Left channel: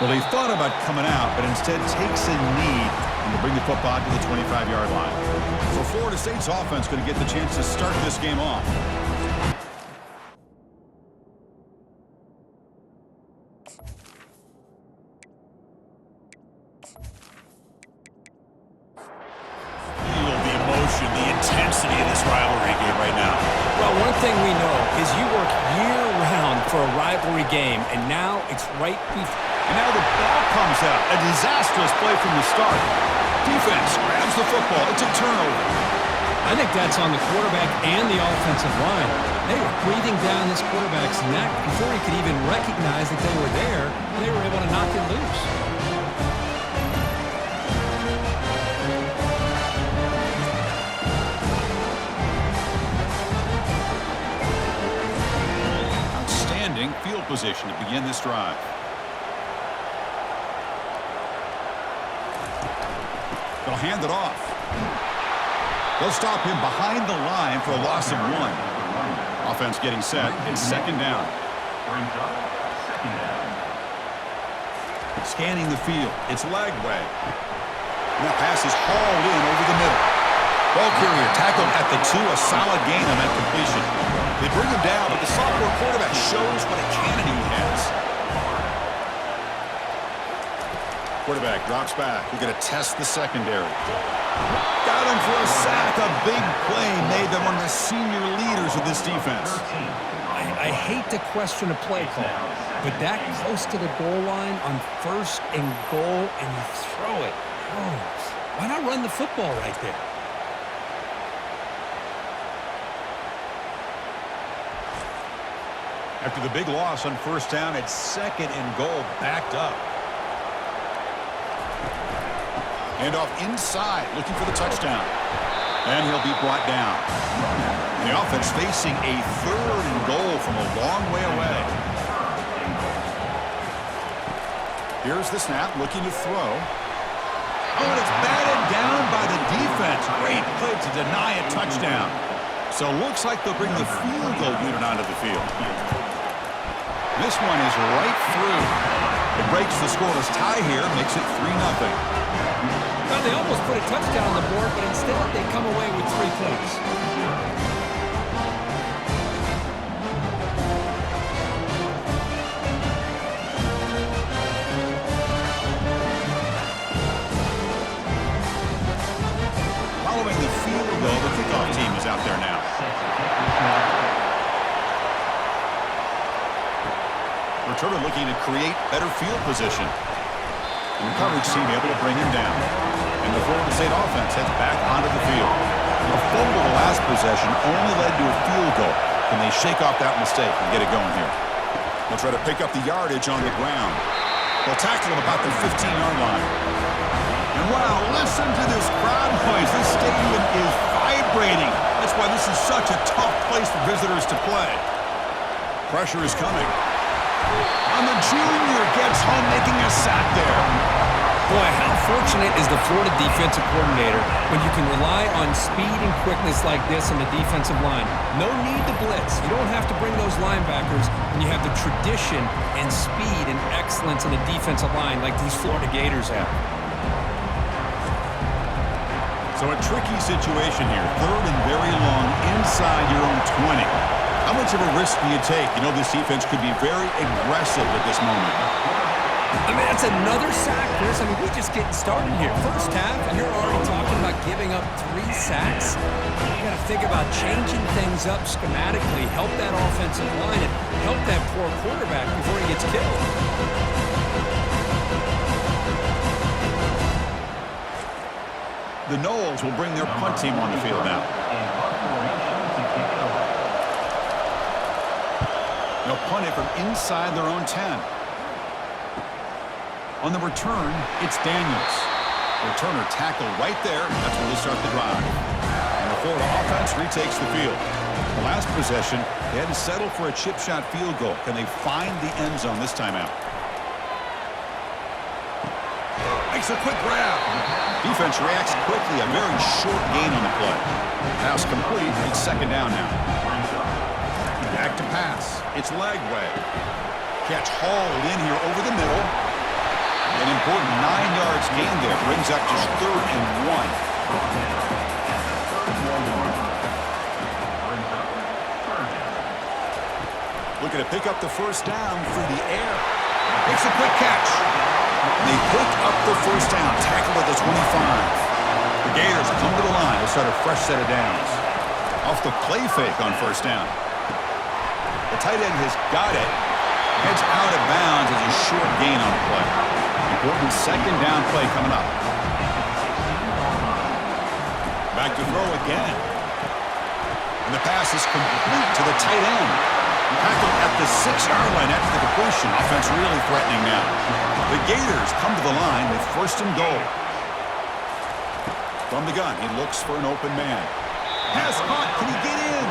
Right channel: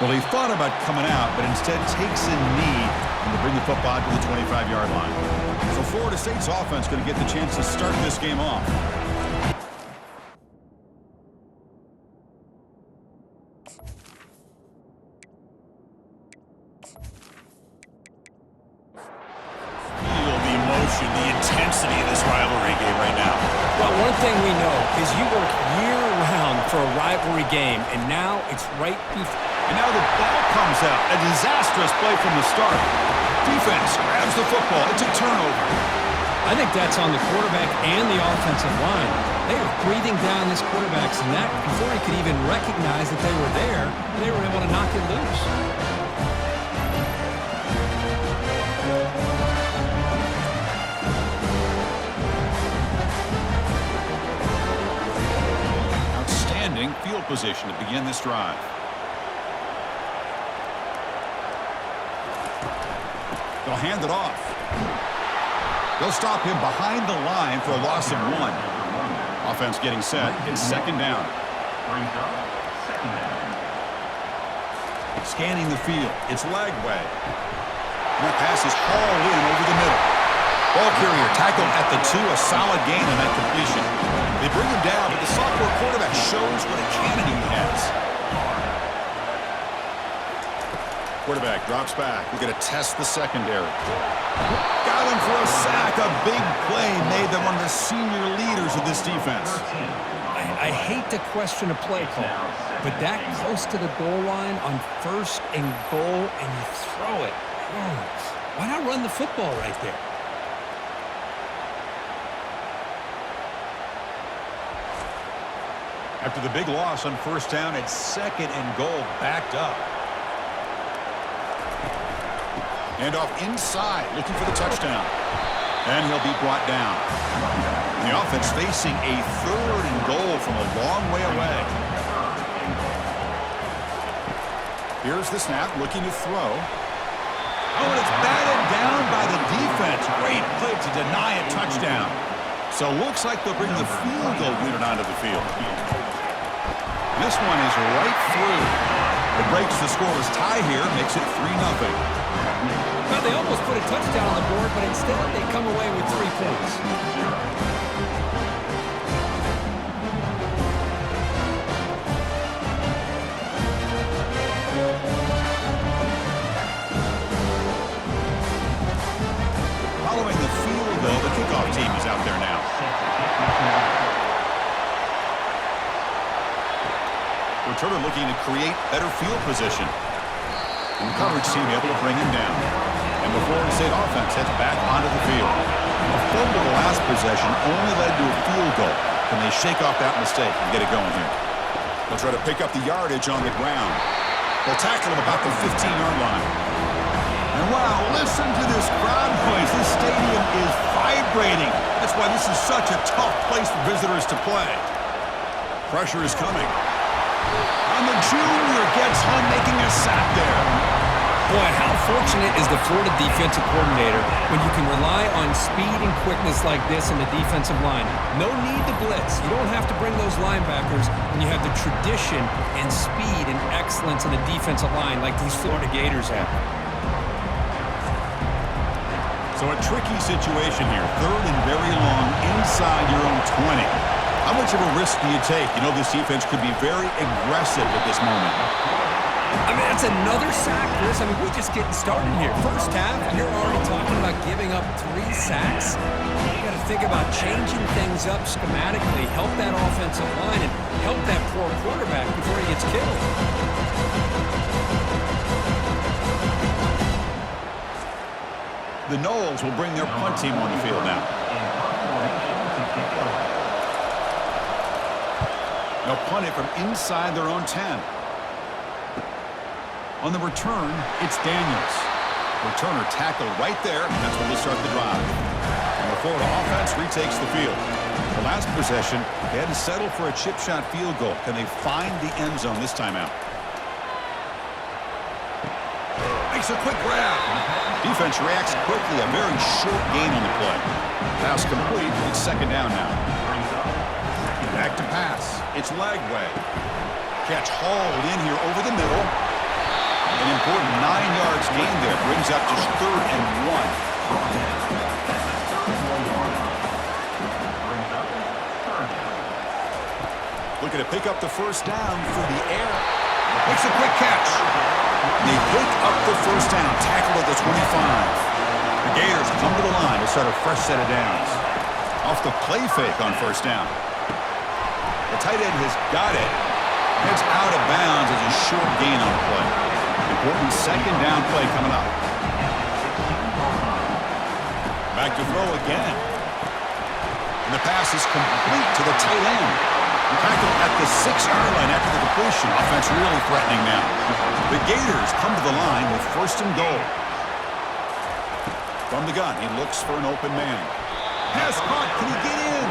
Well, he thought about coming out, but instead takes a knee and will bring the football to the 25-yard line. So Florida State's offense going to get the chance to start this game off. Feel the emotion, the intensity of this rivalry game right now. Well, one thing we know is you work year-round for a rivalry game, and now it's right before. And now the ball comes out. A disastrous play from the start. Defense grabs the football. It's a turnover. I think that's on the quarterback and the offensive line. They were breathing down this quarterback's neck before he could even recognize that they were there, and they were able to knock it loose. Outstanding field position to begin this drive. They'll hand it off. They'll stop him behind the line for a loss of 1. Offense getting set. It's second down. Scanning the field. It's Lagway. And that pass is hauled in over the middle. Ball carrier tackled at the 2. A solid gain on that completion. They bring him down, but the sophomore quarterback shows what a cannon he has. Quarterback drops back. We're going to test the secondary. Got him for a sack. A big play made them one of the senior leaders of this defense. I hate to question a play call, but that close to the goal line on 1st and goal, and you throw it. Oh, why not run the football right there? After the big loss on 1st down, it's 2nd and goal, backed up. Hand off inside, looking for the touchdown. And he'll be brought down. The offense facing a 3rd and goal from a long way away. Here's the snap, looking to throw. Oh, and it's batted down by the defense. Great play to deny a touchdown. So looks like they'll bring the field goal unit onto the field. This one is right through. It breaks the scoreless tie here, makes it 3-0. Well, they almost put a touchdown on the board, but instead they come away with 3 points. Following the field goal, the kickoff team is out there now. Returner looking to create better field position. And the coverage team able to bring him down. And the Florida State offense heads back onto the field. A fumble the last possession only led to a field goal. Can they shake off that mistake and get it going here? They'll try to pick up the yardage on the ground. They'll tackle him about the 15-yard line. And wow, listen to this crowd noise. This stadium is vibrating. That's why this is such a tough place for visitors to play. Pressure is coming. And the junior gets home, making a sack there. Boy, how fortunate is the Florida defensive coordinator when you can rely on speed and quickness like this on the defensive line. No need to blitz. You don't have to bring those linebackers when you have the tradition and speed and excellence in the defensive line like these Florida Gators have. So a tricky situation here. 3rd and very long inside your own 20. How much of a risk do you take? You know this defense could be very aggressive at this moment. I mean, that's another sack, Chris. I mean, we're just getting started here. First half, and you're already talking about giving up 3 sacks. You got to think about changing things up schematically, help that offensive line, and help that poor quarterback before he gets killed. The Noles will bring their punt team on the field now. They'll punt it from inside their own 10. On the return, it's Daniels. Returner tackled right there, and that's when they start the drive. And the Florida offense retakes the field. The last possession, they had to settle for a chip shot field goal. Can they find the end zone this time out? Makes a quick grab. Defense reacts quickly, a very short gain on the play. Pass complete, it's 2nd down now. Back to pass. It's Lagway. Catch hauled in here over the middle. An important 9 yards gain there brings up just 3rd and 1. Looking to pick up the first down through the air. Makes a quick catch. They pick up the first down, tackled at the 25. The Gators come to the line to start a fresh set of downs. Off the play fake on first down. The tight end has got it. Heads out of bounds as a short gain on the play. Important 2nd down play coming up. Back to throw again. And the pass is complete to the tight end. Tackled at the 6-yard line after the completion. Offense really threatening now. The Gators come to the line with 1st and goal. From the gun, he looks for an open man. Pass caught. Can he get in?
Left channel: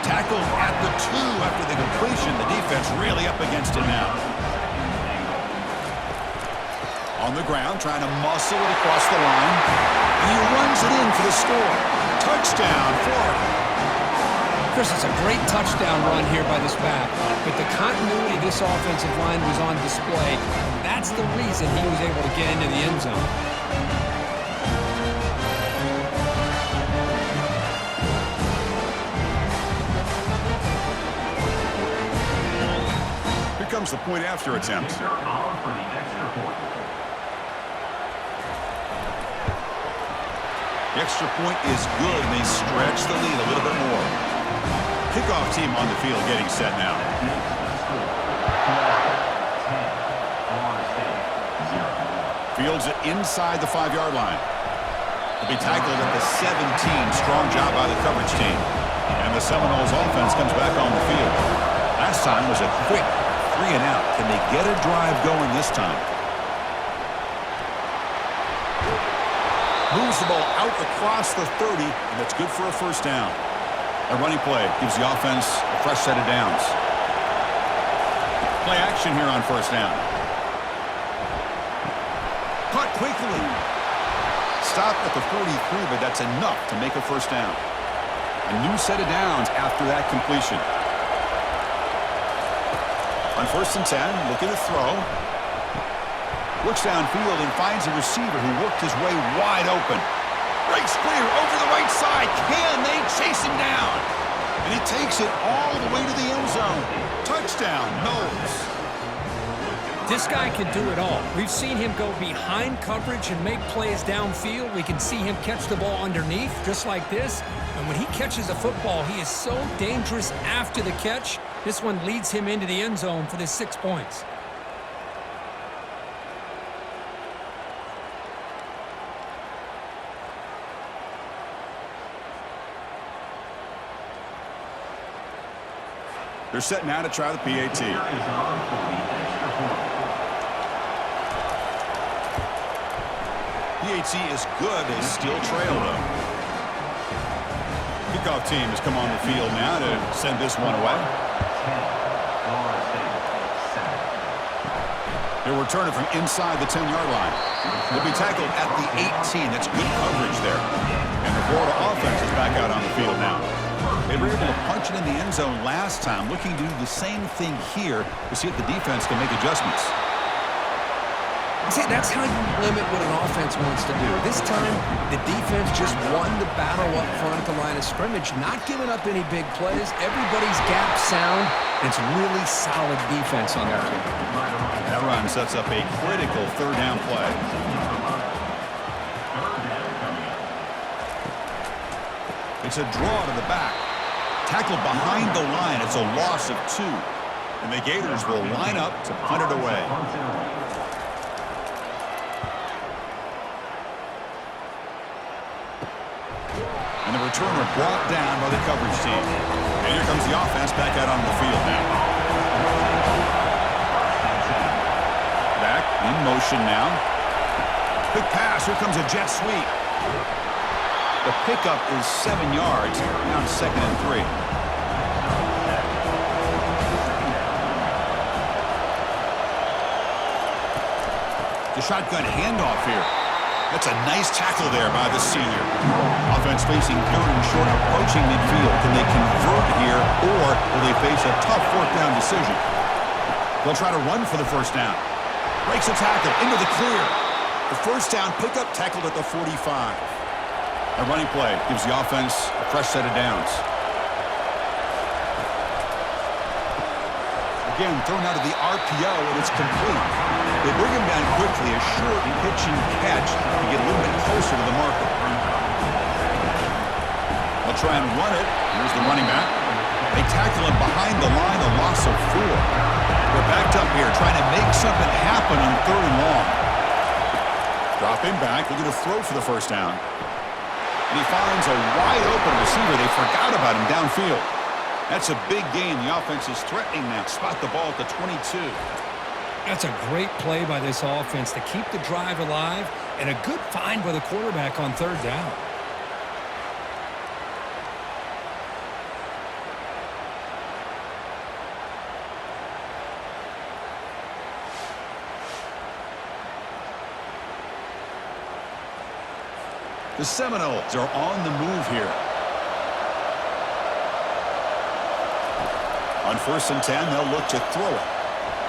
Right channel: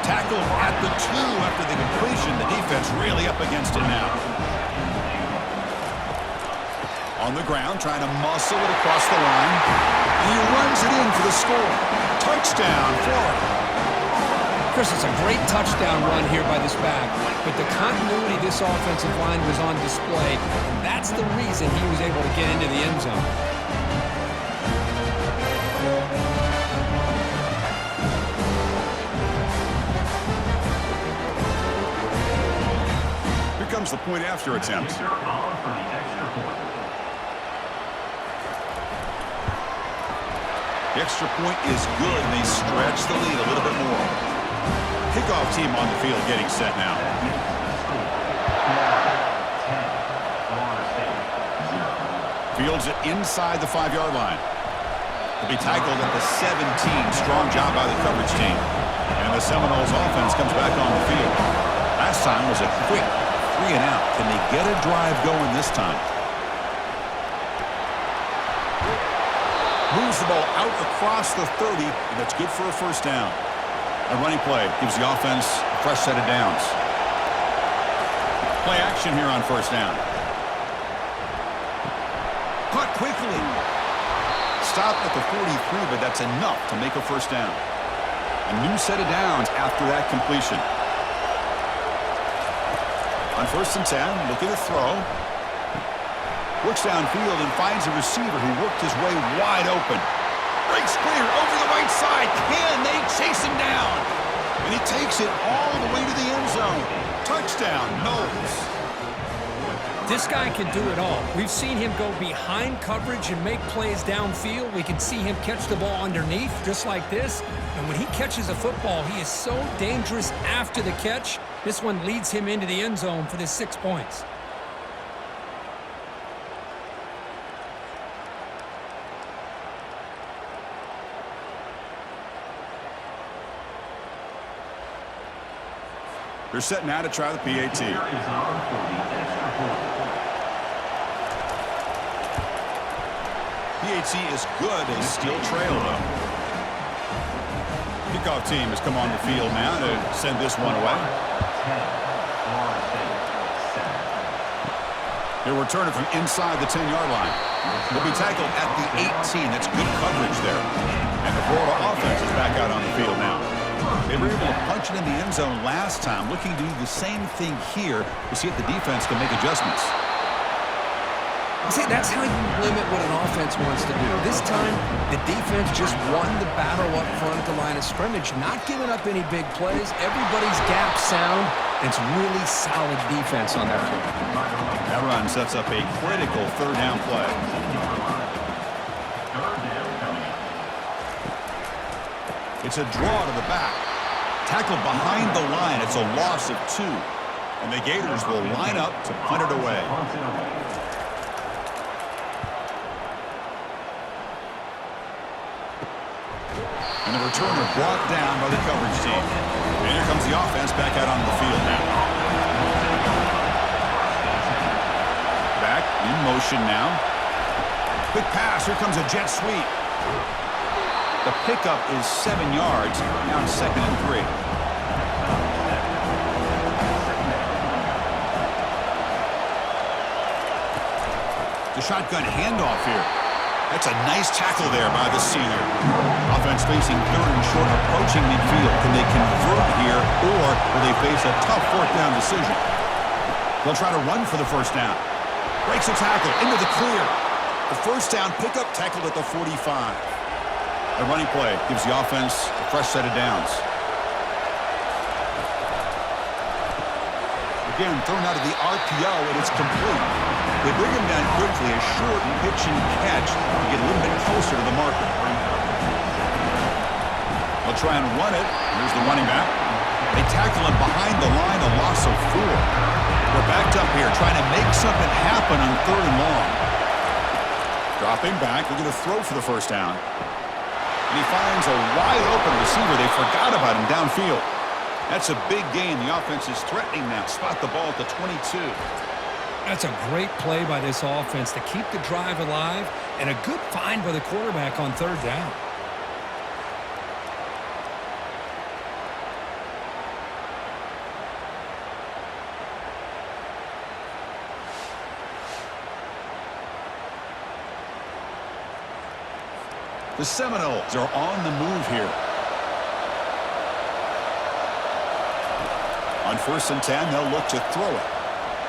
Tackled at the 2 after the completion. The defense really up against it now. On the ground, trying to muscle it across the line. And he runs it in for the score. Touchdown, Florida. Chris, it's a great touchdown run here by this back, but the continuity of this offensive line was on display. And that's the reason he was able to get into the end zone. Here comes the point after attempt. The extra point is good, and they stretch the lead a little bit more. Kickoff team on the field getting set now. Fields it inside the 5-yard line. He'll be tackled at the 17. Strong job by the coverage team. And the Seminoles offense comes back on the field. Last time was a quick 3 and out. Can they get a drive going this time? Moves the ball out across the 30, and that's good for a first down. A running play gives the offense a fresh set of downs. Play action here on first down. Caught quickly. Stopped at the 43, but that's enough to make a first down. A new set of downs after that completion. On 1st and 10, looking to throw. Looks downfield and finds a receiver who worked his way wide open. Breaks clear over the right side. Can they chase him down? And he takes it all the way to the end zone. Touchdown, Knowles. This guy can do it all. We've seen him go behind coverage and make plays downfield. We can see him catch the ball underneath, just like this. And when he catches a football, he is so dangerous after the catch. This one leads him into the end zone for the 6 points. They're set now to try the PAT. PAT is good. They still trail, though. Kickoff team has come on the field now to send this one away. They'll return it from inside the 10-yard line. They'll be tackled at the 18. That's good coverage there. And the Florida offense is back out on the field now. They were able to punch it in the end zone last time, looking to do the same thing here to see if the defense can make adjustments. See, that's how you limit what an offense wants to do. This time, the defense just won the battle up front at the line of scrimmage, not giving up any big plays. Everybody's gap sound. It's really solid defense on that play. That run sets up a critical 3rd down play. It's a draw to the back. Tackled behind the line. It's a loss of 2. And the Gators will line up to punt it away. And the returner brought down by the coverage team. And here comes the offense back out on the field now. Back in motion now. Quick pass. Here comes a jet sweep. The pickup is 7 yards. Now it's 2nd and 3. The shotgun handoff here. That's a nice tackle there by the senior. Offense facing 3rd and short, approaching midfield. Can they convert here, or will they face a tough 4th down decision? They'll try to run for the first down. Breaks a tackle into the clear. The first down pickup tackled at the 45. A running play gives the offense a fresh set of downs. Again, thrown out of the RPO, and it's complete. They bring him down quickly, a short pitch and catch to get a little bit closer to the marker. They'll try and run it. Here's the running back. They tackle him behind the line, a loss of 4. They're backed up here, trying to make something happen on 3rd and long. Dropping back, looking to throw for the first down. And he finds a wide-open receiver. They forgot about him downfield. That's a big gain. The offense is threatening now. Spot the ball at the 22. That's a great play by this offense to keep the drive alive, and a good find by the quarterback on 3rd down. The Seminoles are on the move here. On 1st and 10, they'll look to throw it.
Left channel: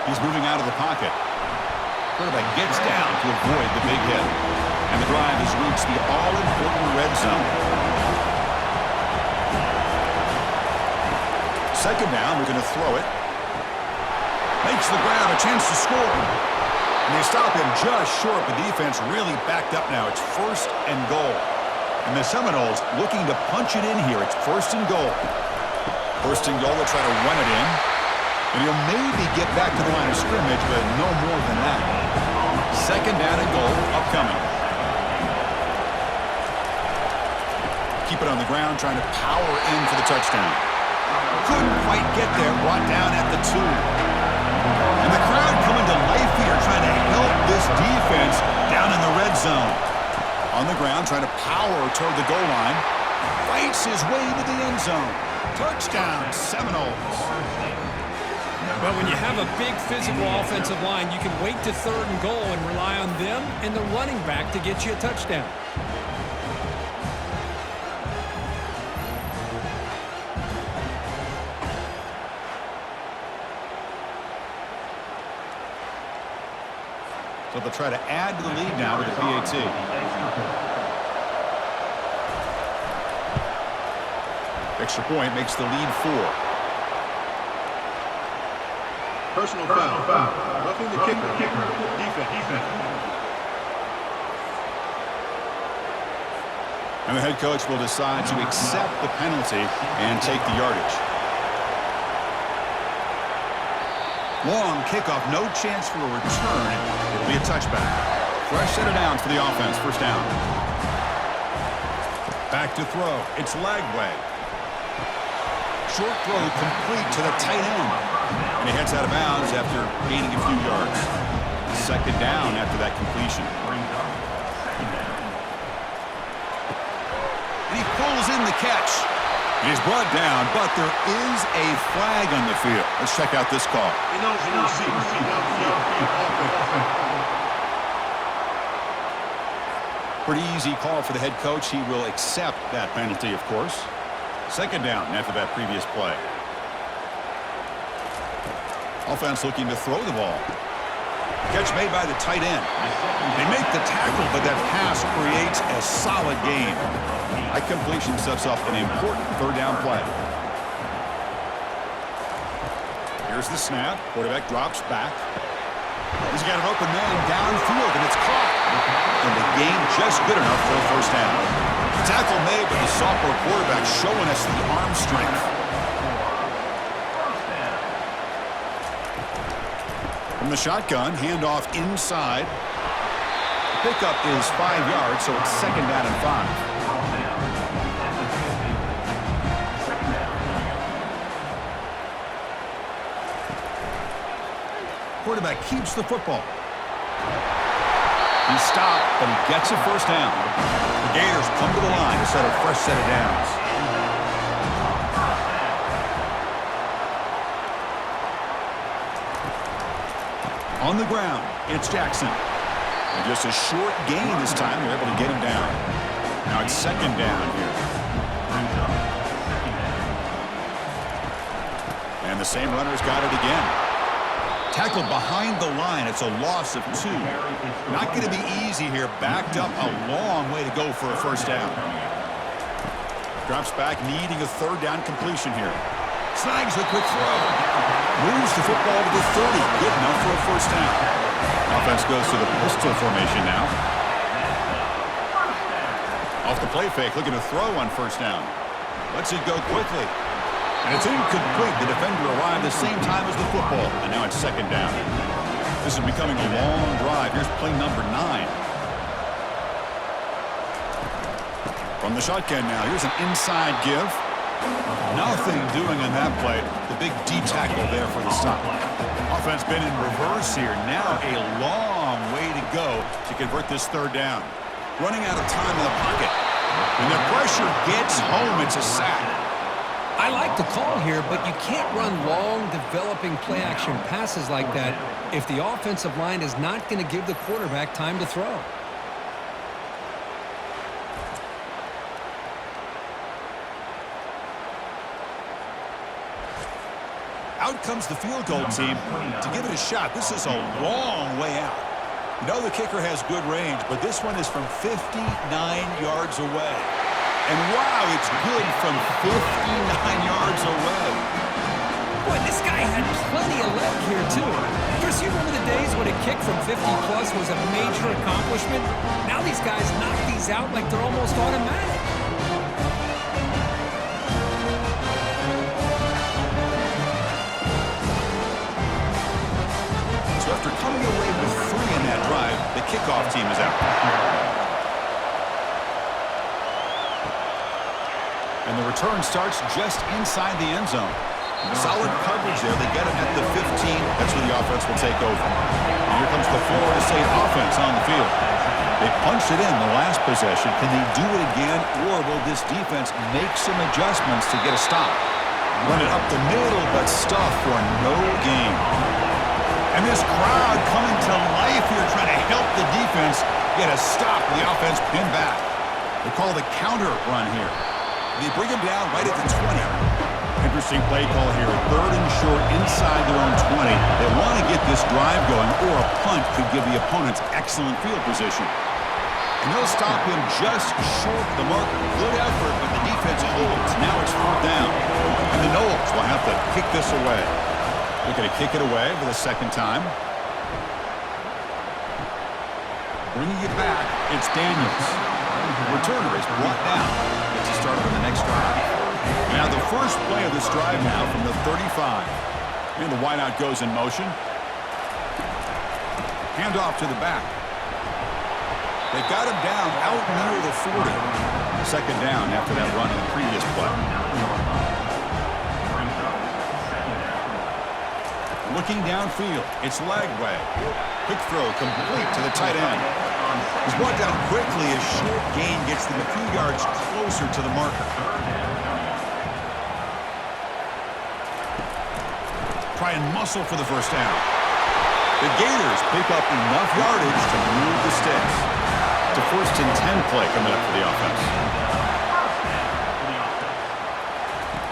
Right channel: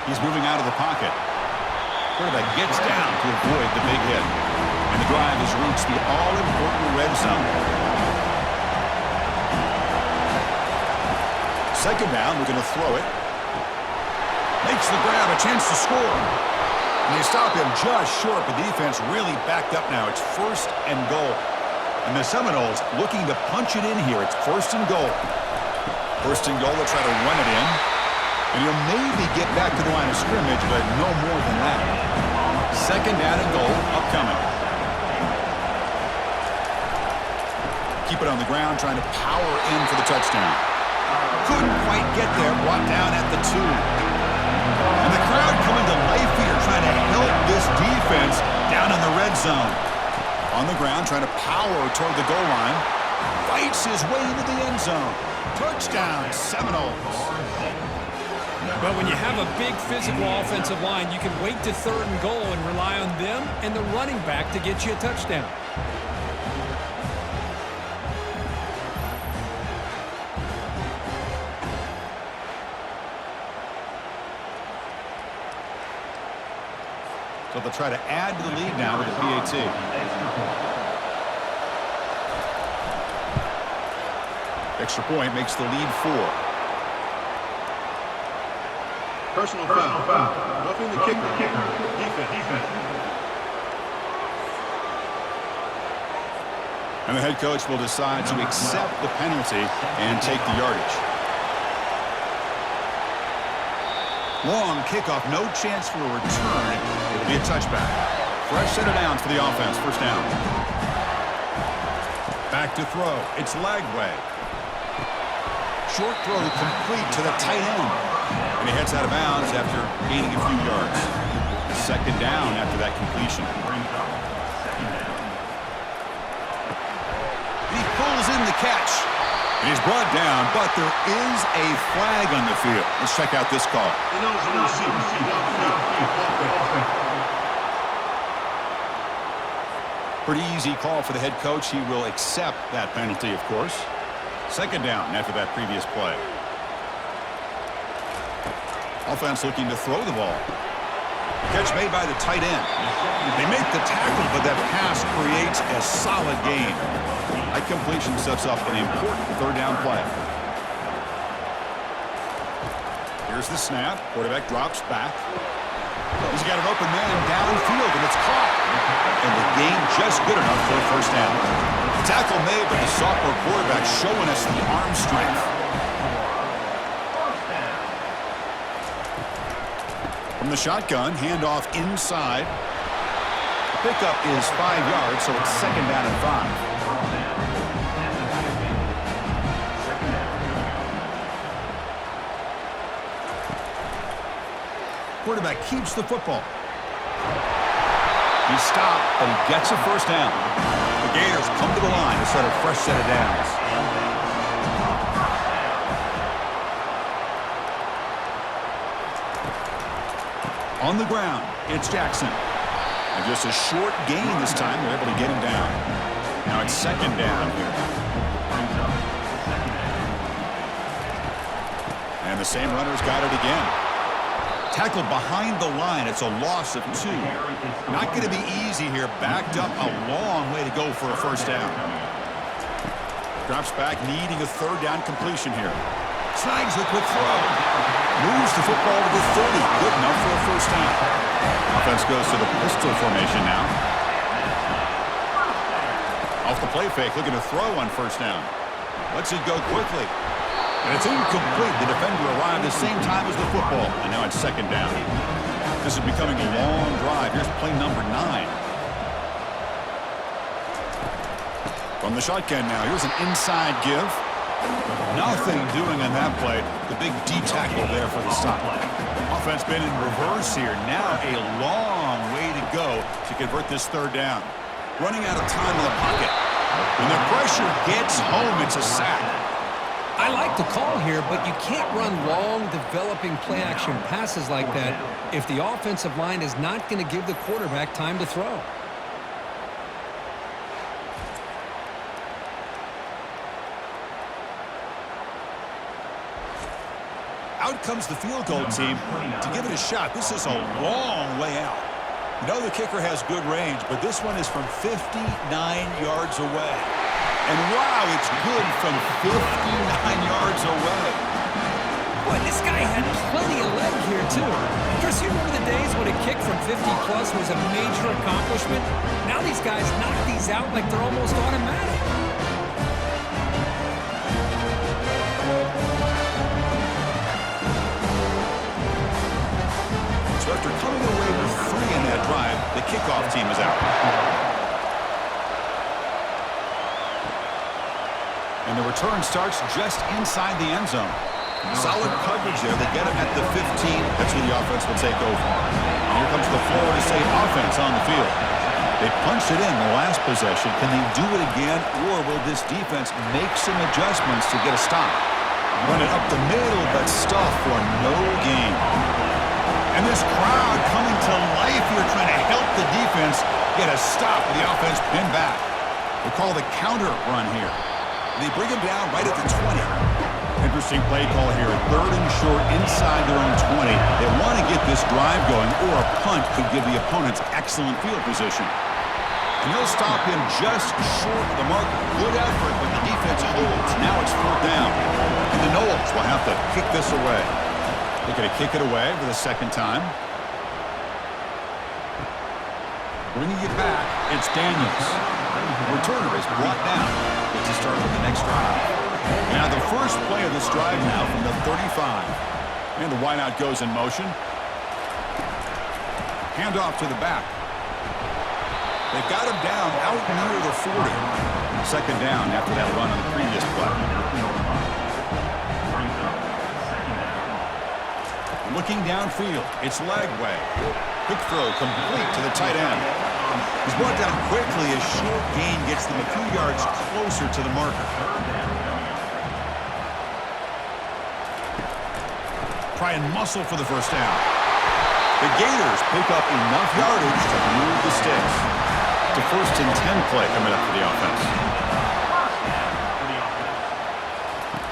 He's moving out of the pocket. Quarterback gets down to avoid the big hit. And the drive has reached the all-important red zone. 2nd down, looking to throw it. Makes the grab, a chance to score. And they stop him just short, but defense really backed up now. It's 1st and goal. And the Seminoles looking to punch it in here. It's 1st and goal. 1st and goal, they'll try to run it in. And he'll maybe get back to the line of scrimmage, but no more than that. 2nd down and goal, upcoming. Keep it on the ground, trying to power in for the touchdown. Couldn't quite get there, brought down at the 2. And the crowd coming to life here, trying to help this defense down in the red zone. On the ground, trying to power toward the goal line. Fights his way into the end zone. Touchdown, Seminoles. But when you have a big physical offensive line, you can wait to 3rd and goal and rely on them and the running back to get you a touchdown. So they'll try to add to the lead now with the PAT. Extra point makes the lead 4. Personal foul. Roughing the kicker. Defense. And the head coach will decide to accept the penalty and take the yardage. Long kickoff, no chance for a return. It'll be a touchback. Fresh set of downs for the offense. 1st down. Back to throw. It's Lagway. Short throw complete to the tight end. And he heads out of bounds after gaining a few yards. 2nd down after that completion. And he pulls in the catch. And he's brought down, but there is a flag on the field. Let's check out this call. Pretty easy call for the head coach. He will accept that penalty, of course. 2nd down after that previous play. Offense looking to throw the ball. Catch made by the tight end. They make the tackle, but that pass creates a solid gain. That completion sets up an important 3rd down play. Here's the snap. Quarterback drops back. He's got an open man downfield, and it's caught. And the gain just good enough for a 1st down. The tackle made, but the sophomore quarterback showing us the arm strength. From the shotgun, handoff inside. The pickup is 5 yards, so it's 2nd down and 5. Quarterback keeps the football. He stopped, but he gets a 1st down. The Gators come to the line to set a fresh set of downs. On the ground, it's Jackson. And just a short gain this time. They're able to get him down. Now it's 2nd down here. And the same runner's got it again. Tackled behind the line. It's a loss of 2. Not going to be easy here. Backed up a long way to go for a first down. Drops back, needing a third down completion here. Snags the quick throw. Moves the football to the 30. Good enough for a first down. Offense goes to the pistol formation now. Off the play fake, looking to throw on first down. Lets it go quickly. And it's incomplete. The defender arrived the same time as the football. And now it's second down. This is becoming a long drive. Here's play number 9. From the shotgun now. Here's an inside give. Nothing doing on that play. The big D tackle there for the stop. Offense been in reverse here. Now a long way to go to convert this third down. Running out of time in the pocket. When the pressure gets home, it's a sack. I like the call here, but you can't run long, developing play-action passes like that if the offensive line is not going to give the quarterback time to throw. Out comes the field goal team to give it a shot. This is a long way out. You know the kicker has good range, but this one is from 59 yards away. And wow, it's good from 59 yards away. Boy, this guy had plenty of leg here, too. Chris, you remember the days when a kick from 50-plus was a major accomplishment? Now these guys knock these out like they're almost automatic. So after coming away with 3 in that drive, the kickoff team is out. And the return starts just inside the end zone. Solid coverage there. They get him at the 15. That's where the offense will take over. And here comes the Florida State offense on the field. They punched it in the last possession. Can they do it again, or will this defense make some adjustments to get a stop? Run it up the middle, but stuff for no gain. And this crowd coming to life here, trying to help the defense get a stop with the offense pinned back. They call the counter run here. They bring him down right at the 20. Interesting play call here. 3rd and short inside their own 20. They want to get this drive going, or a punt could give the opponents excellent field position. And they'll stop him just short of the marker. Good effort, but the defense holds. Now it's 4th down. And the Noles will have to kick this away. Looking to kick it away for the second time. Bringing it back, it's Daniels. Returner is brought down. Gets us started on the next drive. Now the first play of this drive now from the 35. And the wideout goes in motion. Handoff to the back. They've got him down out near the 40. Second down after that run on the previous play. Looking downfield, it's Lagway. Quick throw complete to the tight end. He's brought down quickly as short gain gets them a few yards closer to the marker. Try and muscle for the first down. The Gators pick up enough yardage to move the sticks. To 1st and 10 play coming up for the offense.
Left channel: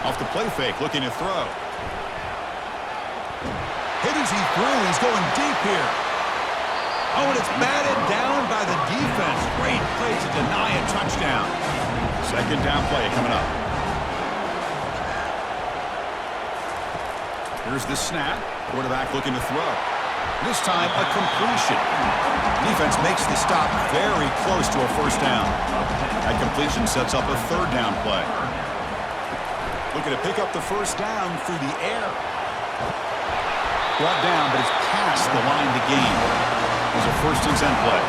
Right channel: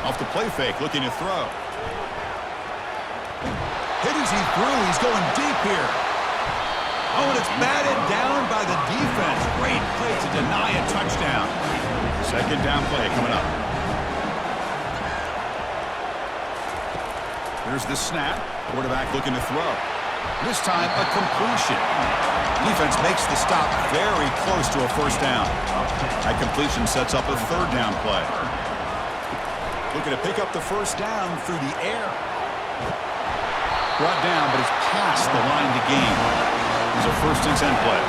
Off the play fake, looking to throw. Hit as he threw. He's going deep here. Oh, and it's batted down by the defense. Great play to deny a touchdown. Second down play coming up. Here's the snap. Quarterback looking to throw. This time, a completion. Defense makes the stop very close to a first down. That completion sets up a 3rd down play. Looking to pick up the first down through the air. Brought down, but it's past the line to gain. There's a 1st and 10 play.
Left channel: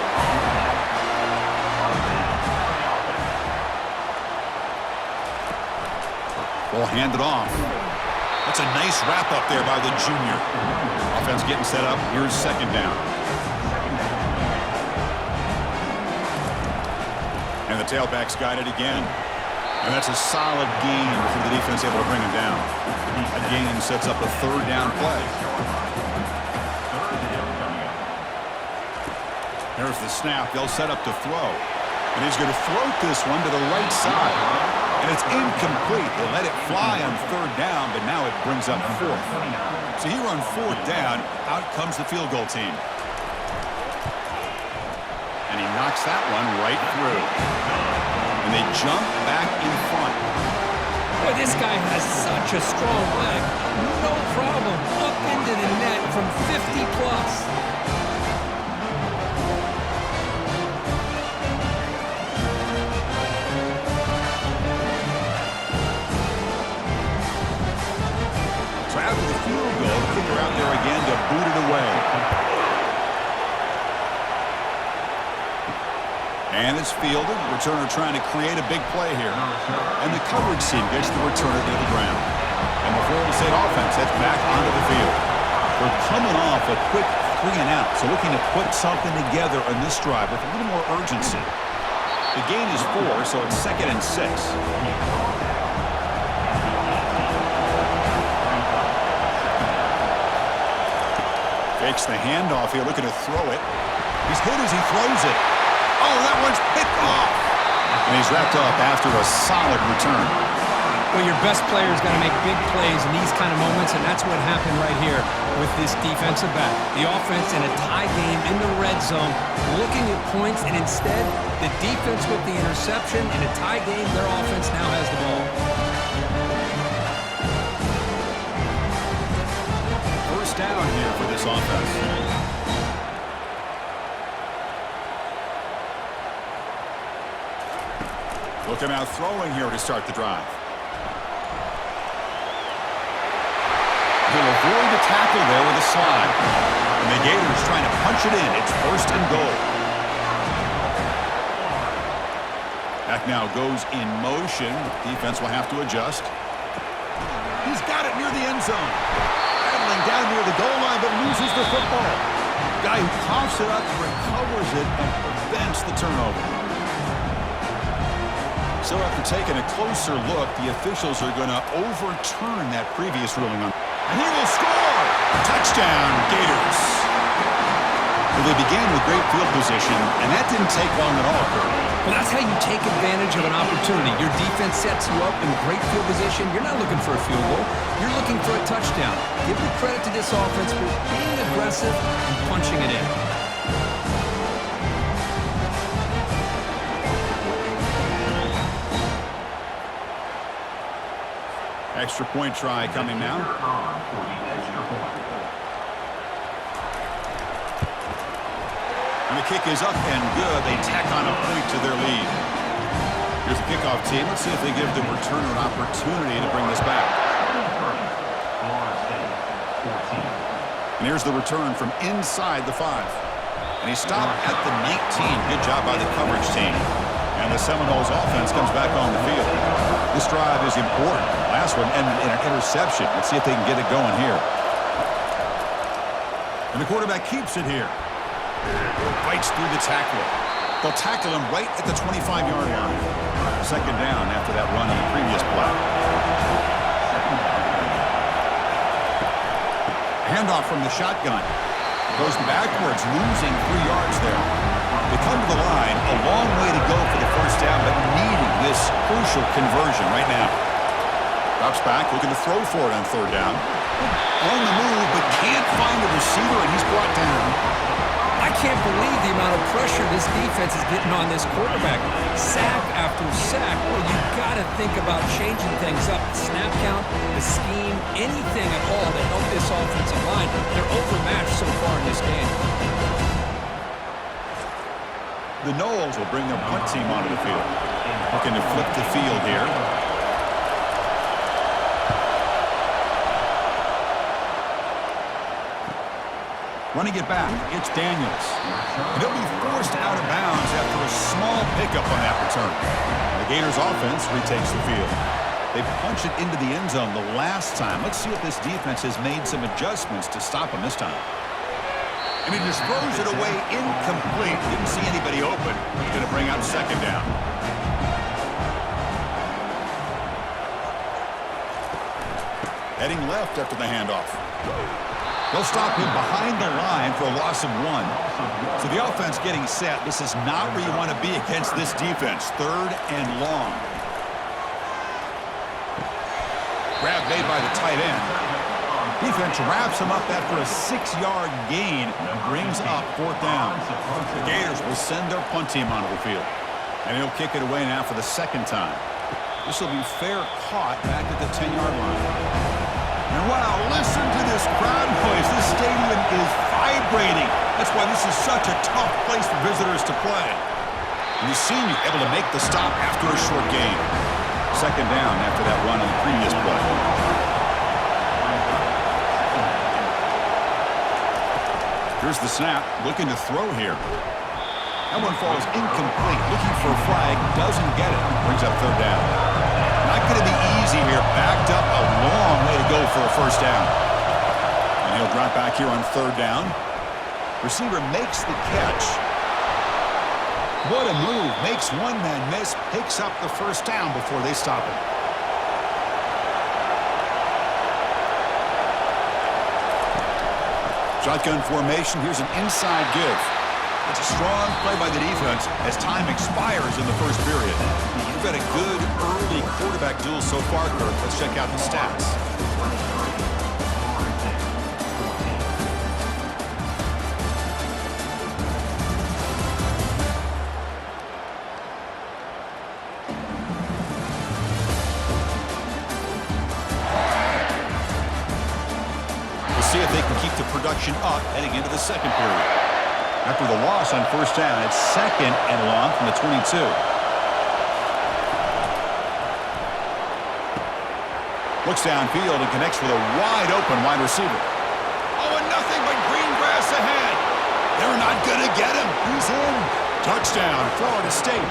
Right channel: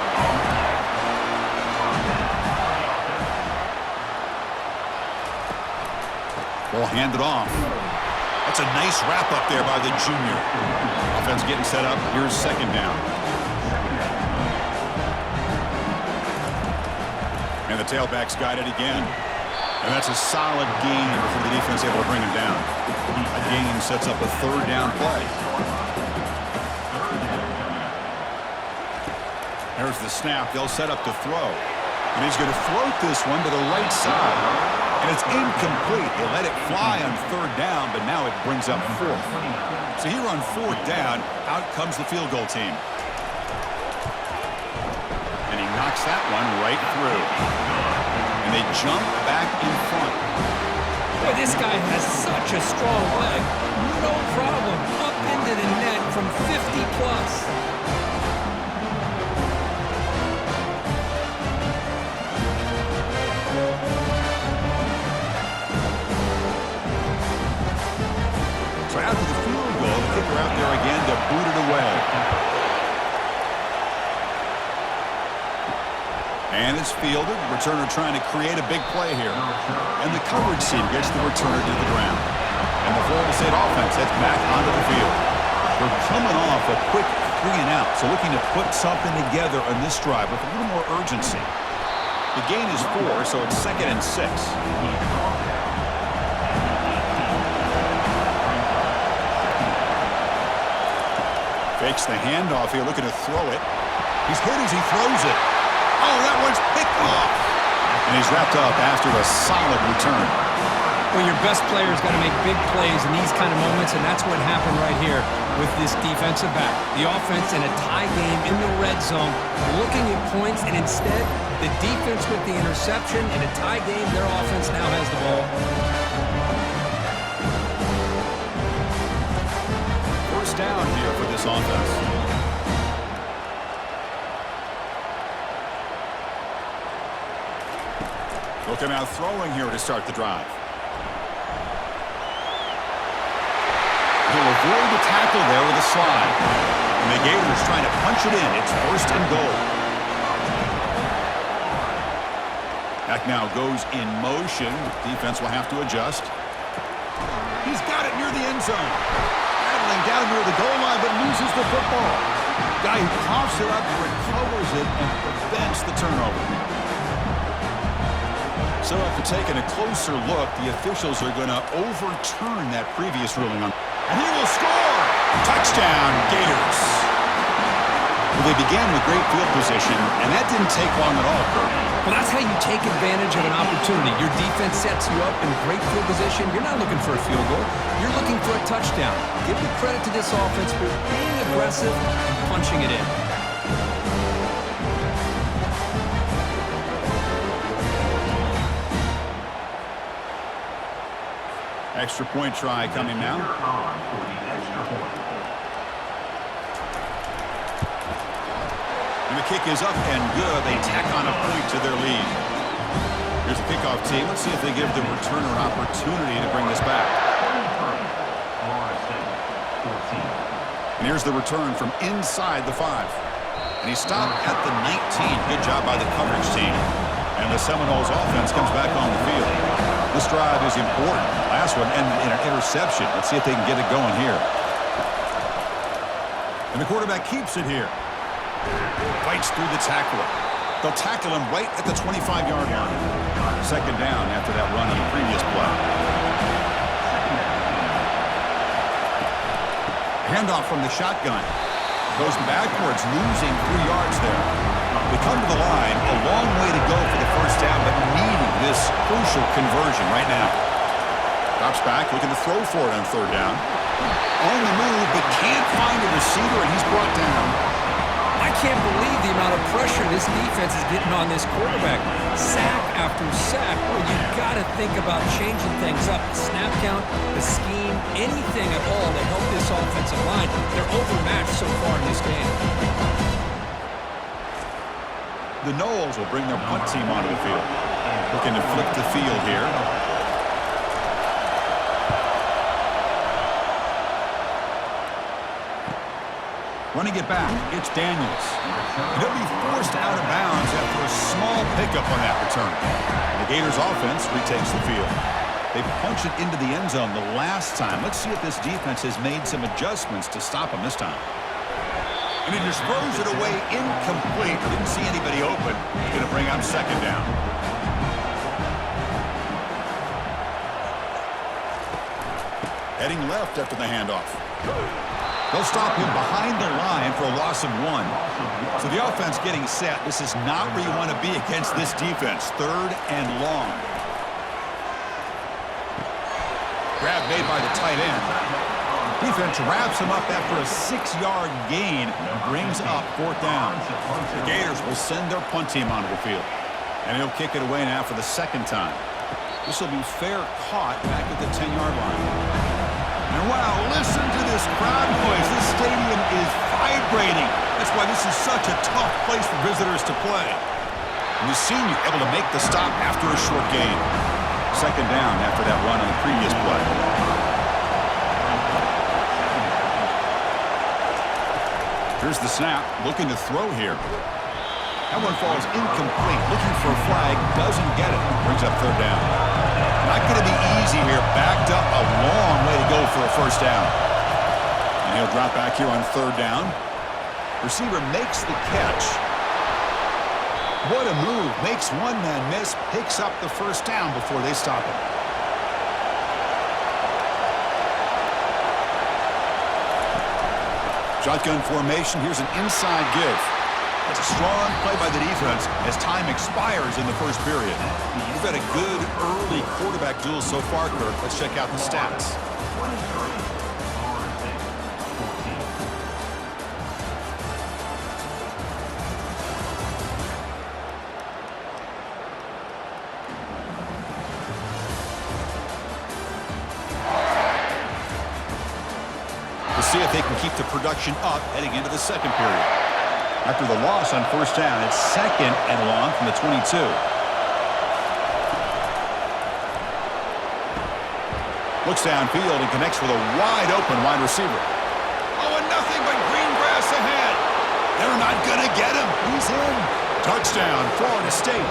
Ball handed off. That's a nice wrap up there by the junior. Offense getting set up. Here's second down. And the tailback's got it again. And that's a solid gain before the defense able to bring him down. A gain sets up a 3rd down play. There's the snap. They'll set up to throw. And he's going to float this one to the right side. And it's incomplete. They let it fly on third down, but now it brings up fourth. So here on fourth down, out comes the field goal team. And he knocks that one right through. And they jump back in front. Boy, this guy has such a strong leg. No problem. Up into the net from 50 plus. So after the field goal, the kicker out there again to boot it away. And it's fielded. Returner trying to create a big play here. And the coverage team gets the returner to the ground. And the Florida State offense heads back onto the field. They're coming off a quick 3-and-out, so looking to put something together on this drive with a little more urgency. The gain is 4, so it's 2nd and 6. Fakes the handoff here, looking to throw it. He's hit as he throws it. Oh, that one's picked off. And he's wrapped up after a solid return. Well, your best player's got to make big plays in these kind of moments, and that's what happened right here with this defensive back. The offense in a tie game in the red zone, looking at points, and instead, the defense with the interception. In a tie game, their offense now has the ball. First down here for this offense. Looking out throwing here to start the drive. He'll avoid the tackle there with a slide. And the Gators trying to punch it in. It's 1st and goal. Back now goes in motion. Defense will have to adjust. He's got it near the end zone. Battling down near the goal line, but loses the football. Guy who coughs it up, recovers it, and prevents the turnover. So after taking a closer look, the officials are going to overturn that previous ruling on. And he will score! Touchdown, Gators. Well, they began with great field position, and that didn't take long at all, Kirk. Well, that's how you take advantage of an opportunity. Your defense sets you up in great field position. You're not looking for a field goal. You're looking for a touchdown. Give the credit to this offense for being aggressive and punching it in. Extra point try coming now. And the kick is up and good. They tack on a point to their lead. Here's the kickoff team. Let's see if they give the returner an opportunity to bring this back. And here's the return from inside the 5. And he stopped at the 19. Good job by the coverage team. And the Seminoles offense comes back on the field. This drive is important. Last one ended in an interception. Let's see if they can get it going here. And the quarterback keeps it here. Fights through the tackler. They'll tackle him right at the 25-yard line. 2nd down after that run on the previous play. Handoff from the shotgun. Goes backwards, losing 3 yards there. They come to the line, a long way to go for the first down, but needing this crucial conversion right now. Drops back, looking to throw for it on 3rd down. On the move, but can't find a receiver, and he's brought down. I can't believe the amount of pressure this defense is getting on this quarterback. Sack after sack. Well, you've got to think about changing things up. The snap count, the scheme, anything at all to help this offensive line. They're overmatched so far in this game. The Noles will bring their punt team onto the field. Looking to flip the field here. Running it back, it's Daniels. And he'll be forced out of bounds after a small pickup on that return. And the Gators offense retakes the field. They punch it into the end zone the last time. Let's see if this defense has made some adjustments to stop them this time. And he just throws it away incomplete. Didn't see anybody open. He's going to bring out 2nd down. Heading left after the handoff. They'll stop him behind the line for a loss of 1. So the offense getting set. This is not where you want to be against this defense. 3rd and long. Grab made by the tight end. Defense wraps him up after a 6-yard gain and brings up 4th down. The Gators will send their punt team onto the field. And he'll kick it away now for the 2nd time. This will be fair caught back at the 10-yard line. And wow, listen to this crowd noise. This stadium is vibrating. That's why this is such a tough place for visitors to play. And the senior able to make the stop after a short gain. 2nd down after that run on the previous play. Here's the snap, looking to throw here. That one falls incomplete, looking for a flag, doesn't get it. Brings up 3rd down. Not going to be easy here, backed up a long way to go for a 1st down. And he'll drop back here on 3rd down. Receiver makes the catch. What a move, makes one man miss, picks up the 1st down before they stop him. Shotgun formation, here's an inside give. That's a strong play by the defense as time expires in the 1st period. We've had a good early quarterback duel so far, Kirk. Let's check out the stats. We'll see if they can keep the production up heading into the 2nd period. After the loss on 1st down, it's 2nd and long from the 22. Looks downfield and connects with a wide-open wide receiver. Oh, and nothing but green grass ahead. They're not going to get him. He's in. Touchdown, Florida State.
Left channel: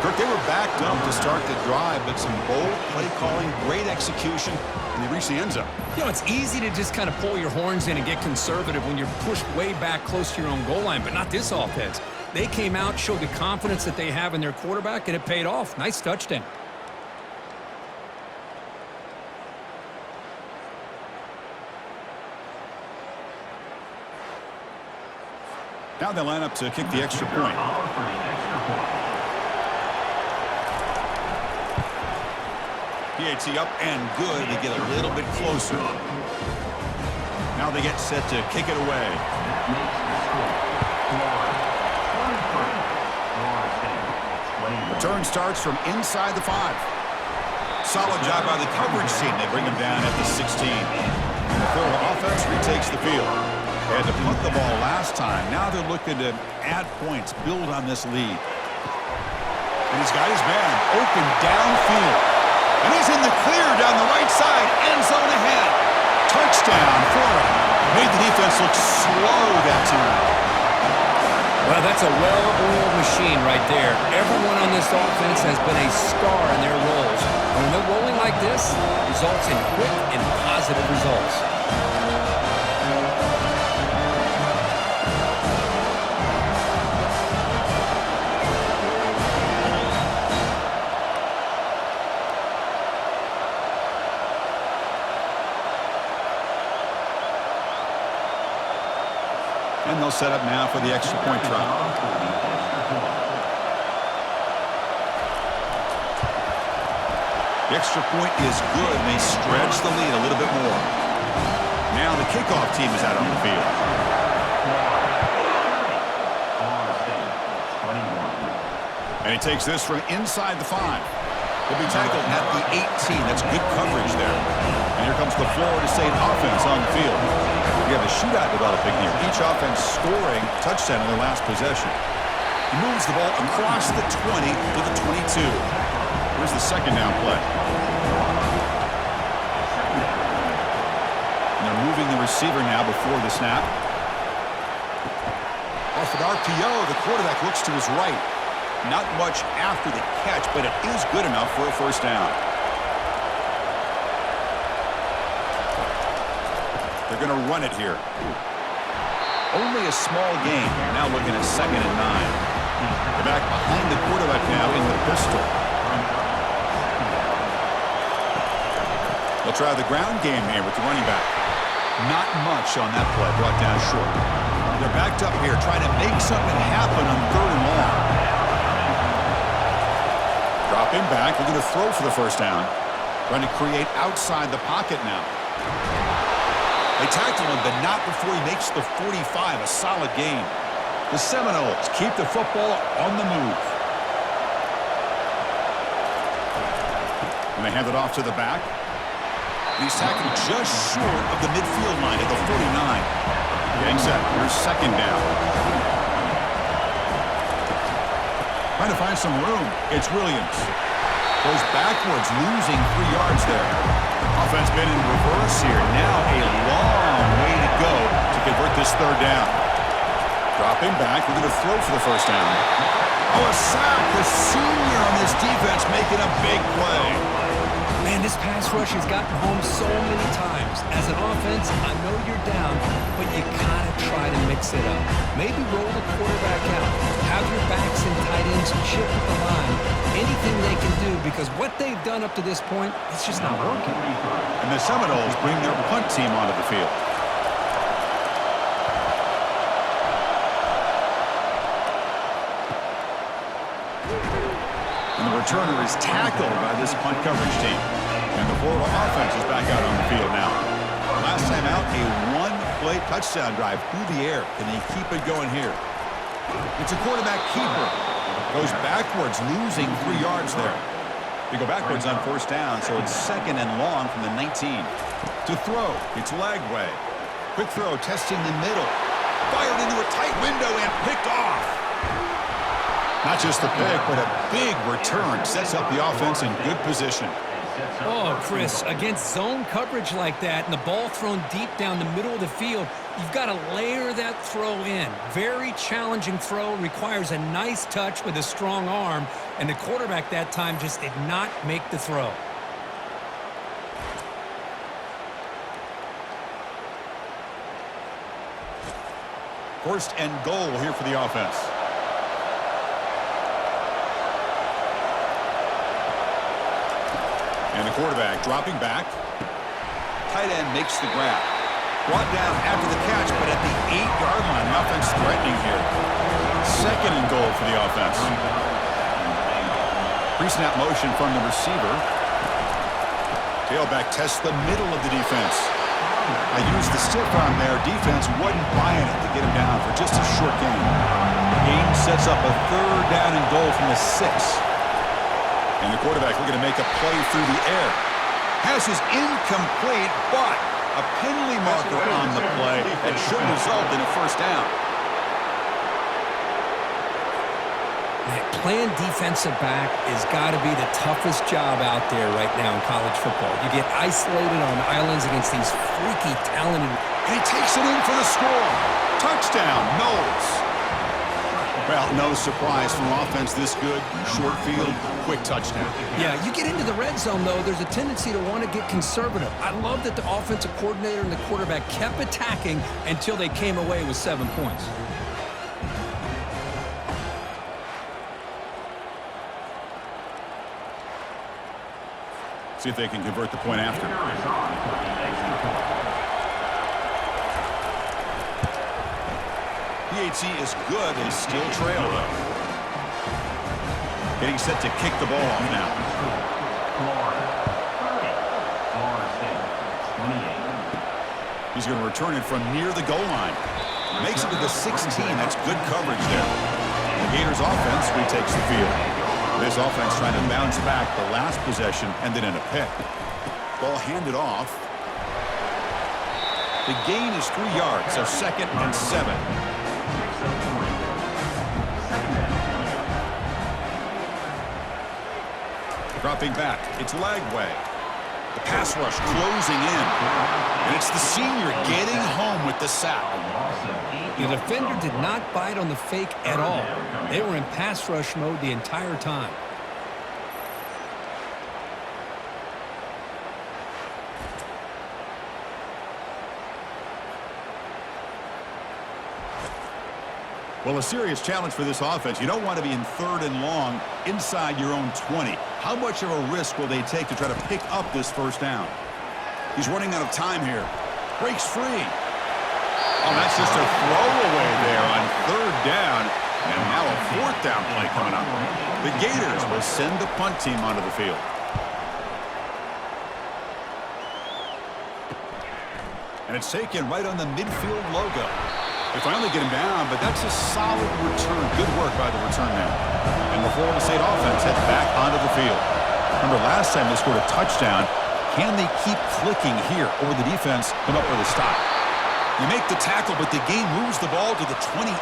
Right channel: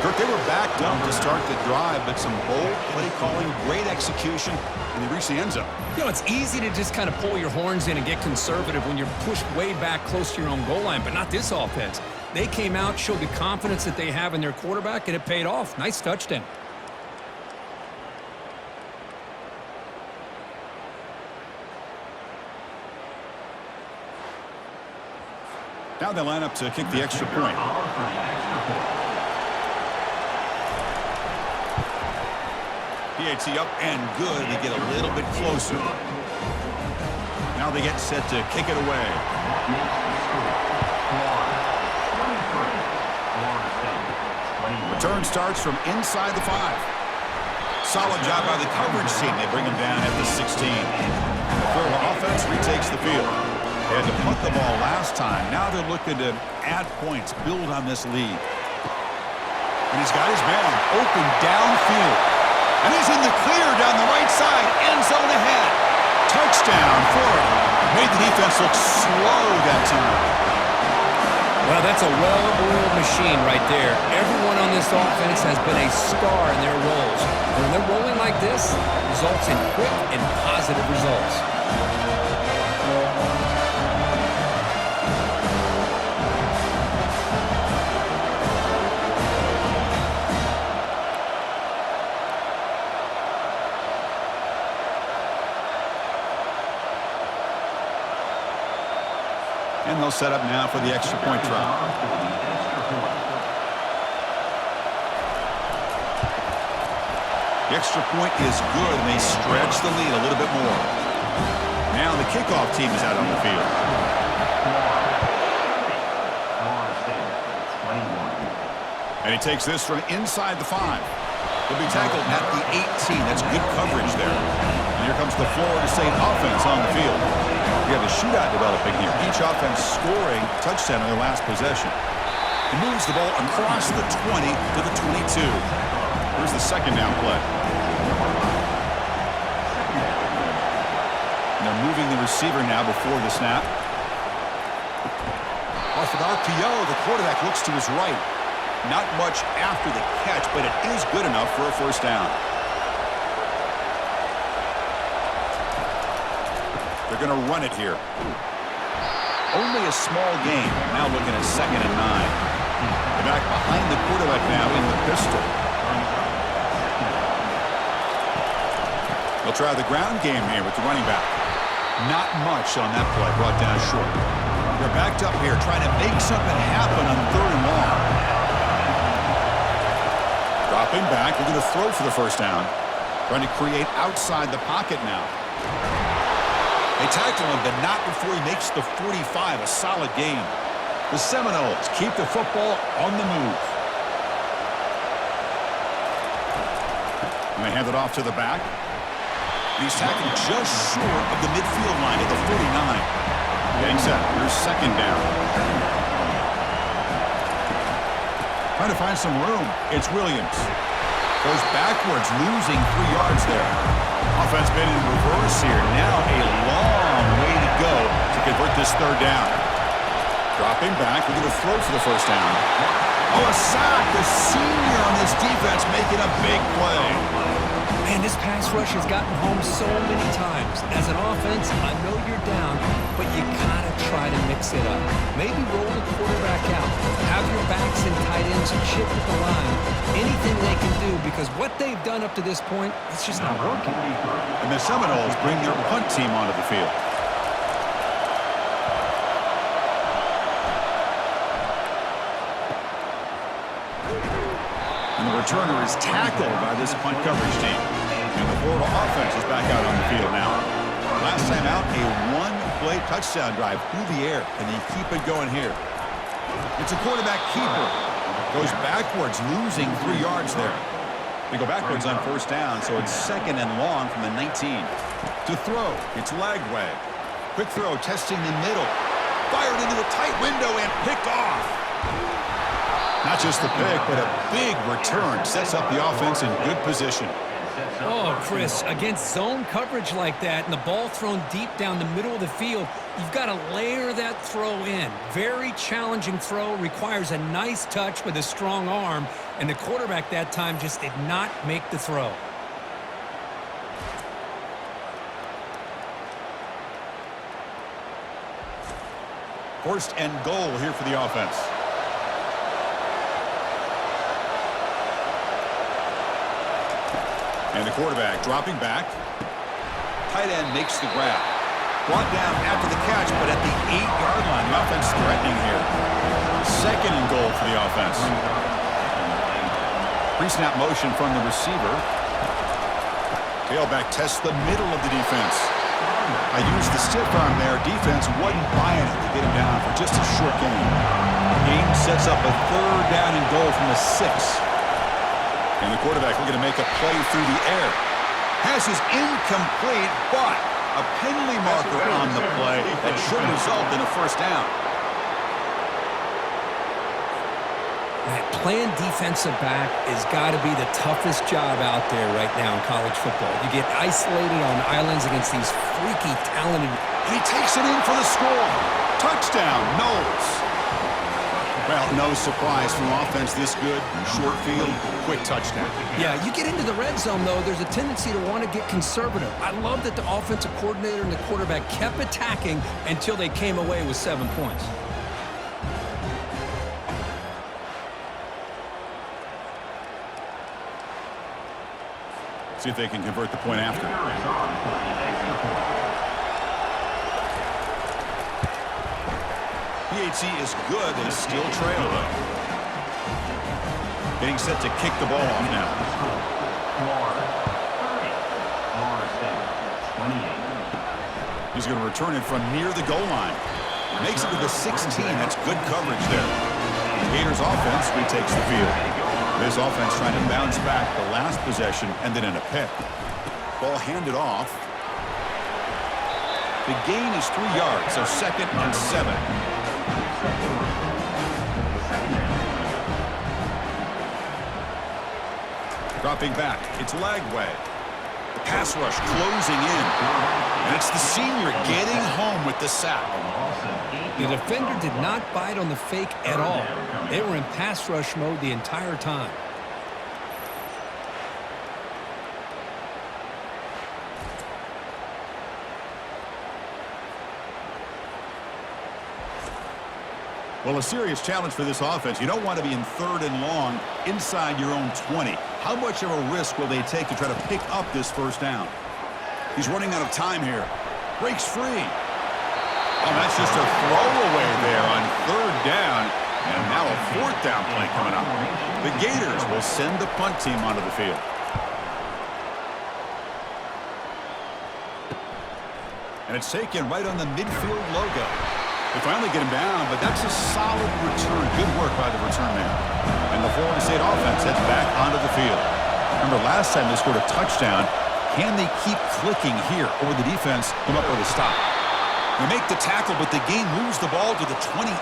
Kirk, they were backed up to start the drive, but some bold play calling, great execution, and they reached the end zone. You know, it's easy to just kind of pull your horns in and get conservative when you're pushed way back close to your own goal line, but not this offense. They came out, showed the confidence that they have in their quarterback, and it paid off. Nice touchdown. Now they line up to kick the extra point. PAT up and good. They get a little bit closer. Now they get set to kick it away. Return starts from inside the 5. Solid job by the coverage team. They bring him down at the 16. And the Florida offense retakes the field. They had to punt the ball last time. Now they're looking to add points, build on this lead. And he's got his man open downfield. And he's in the clear down the right side, end zone ahead. Touchdown, Florida. Made the defense look slow that time. Well, that's a well-oiled machine right there. Everyone on this offense has been a star in their roles. And when they're rolling like this, it results in quick and positive results. And they'll set up now for the extra point try. The extra point is good, and they stretch the lead a little bit more. Now the kickoff team is out on the field. And he takes this from inside the 5. He'll be tackled at the 18. That's good coverage there. And here comes the Florida State offense on the field. We have a shootout developing here. Each offense scoring touchdown in their last possession. He moves the ball across the 20 to the 22. Here's the 2nd down play. And they're moving the receiver now before the snap. Off an RPO, the quarterback looks to his right. Not much after the catch, but it is good enough for a 1st down. They're going to run it here. Only a small gain. Now looking at 2nd and 9. They're back behind the quarterback now in the pistol. They'll try the ground game here with the running back. Not much on that play, brought down short. They're backed up here trying to make something happen on 3rd and long. Dropping back, looking to throw for the 1st down. Trying to create outside the pocket now. They tackle him, but not before he makes the 45, a solid gain. The Seminoles keep the football on the move. And they hand it off to the back. He's tackled just short of the midfield line at the 49. Getting set. Here's second down. Trying to find some room. It's Williams. Goes backwards, losing 3 yards there. Offense been in reverse here. Now a long way to go to convert this third down. Dropping back. We're going to throw for the first down. Oh, a sack. The senior on this defense making a big play. Man, this pass rush has gotten home so many times. As an offense, I know you're down, but you gotta try to mix it up. Maybe roll the quarterback out. Have your backs and tight ends chip at the line. Anything they can do, because what they've done up to this point, it's just not working. And the Seminoles bring their punt team onto the field. And the returner is tackled by this punt coverage team. And the Florida offense is back out on the field now. Last time out, a one-play touchdown drive through the air. Can they keep it going here? It's a quarterback keeper. Goes backwards, losing 3 yards there. They go backwards on first down, so it's second and long from the 19. To throw, it's Lagway. Quick throw, testing the middle. Fired into a tight window and picked off. Not just the pick, but a big return. Sets up the offense in good position. Oh, Chris, against zone coverage like that and the ball thrown deep down the middle of the field, you've got to layer that throw in. Very challenging throw, requires a nice touch with a strong arm, and the quarterback that time just did not make the throw. First and goal here for the offense. And the quarterback dropping back. Tight end makes the grab. Brought down after the catch, but at the 8-yard line, the offense threatening here. Second and goal for the offense. Pre-snap motion from the receiver. Tailback tests the middle of the defense. I used the stiff arm there. Defense wasn't buying it to get him down for just a short gain. Game sets up a third down and goal from the 6. And the quarterback looking to make a play through the air. Pass is incomplete, but a penalty marker on the play that should result in a first down. Man, playing defensive back has got to be the toughest job out there right now in college football. You get isolated on islands against these freaky, talented... And he takes it in for the score. Touchdown, Knowles. Well, no surprise from offense this good. Short field, quick touchdown. Yeah, you get into the red zone, though, there's a tendency to want to get conservative. I love that the offensive coordinator and the quarterback kept attacking until they came away with 7 points. See if they can convert the point after. PHC is good. They still trail, though. Getting set to kick the ball off now. He's going to return it from near the goal line. Makes it to the 16. That's good coverage there. The Gators offense retakes the field. This offense trying to bounce back the last possession and then in a pick. Ball handed off. The gain is 3 yards, so second and 7. Dropping back, it's Lagway. The pass rush closing in. And it's the senior getting home with the sack. The defender did not bite on the fake at all. They were in pass rush mode the entire time. Well, a serious challenge for this offense. You don't want to be in third and long inside your own 20. How much of a risk will they take to try to pick up this first down? He's running out of time here. Breaks free. Oh, that's just a throwaway there on third down. And now a fourth down play coming up. The Gators will send the punt team onto the field. And it's taken right on the midfield logo. They finally get him down, but that's a solid return. Good work by the return man. And the Florida State offense heads back onto the field. Remember, last time they scored a touchdown. Can they keep clicking here, or the defense come up with a stop? They make the tackle, but the game moves the ball to the 28.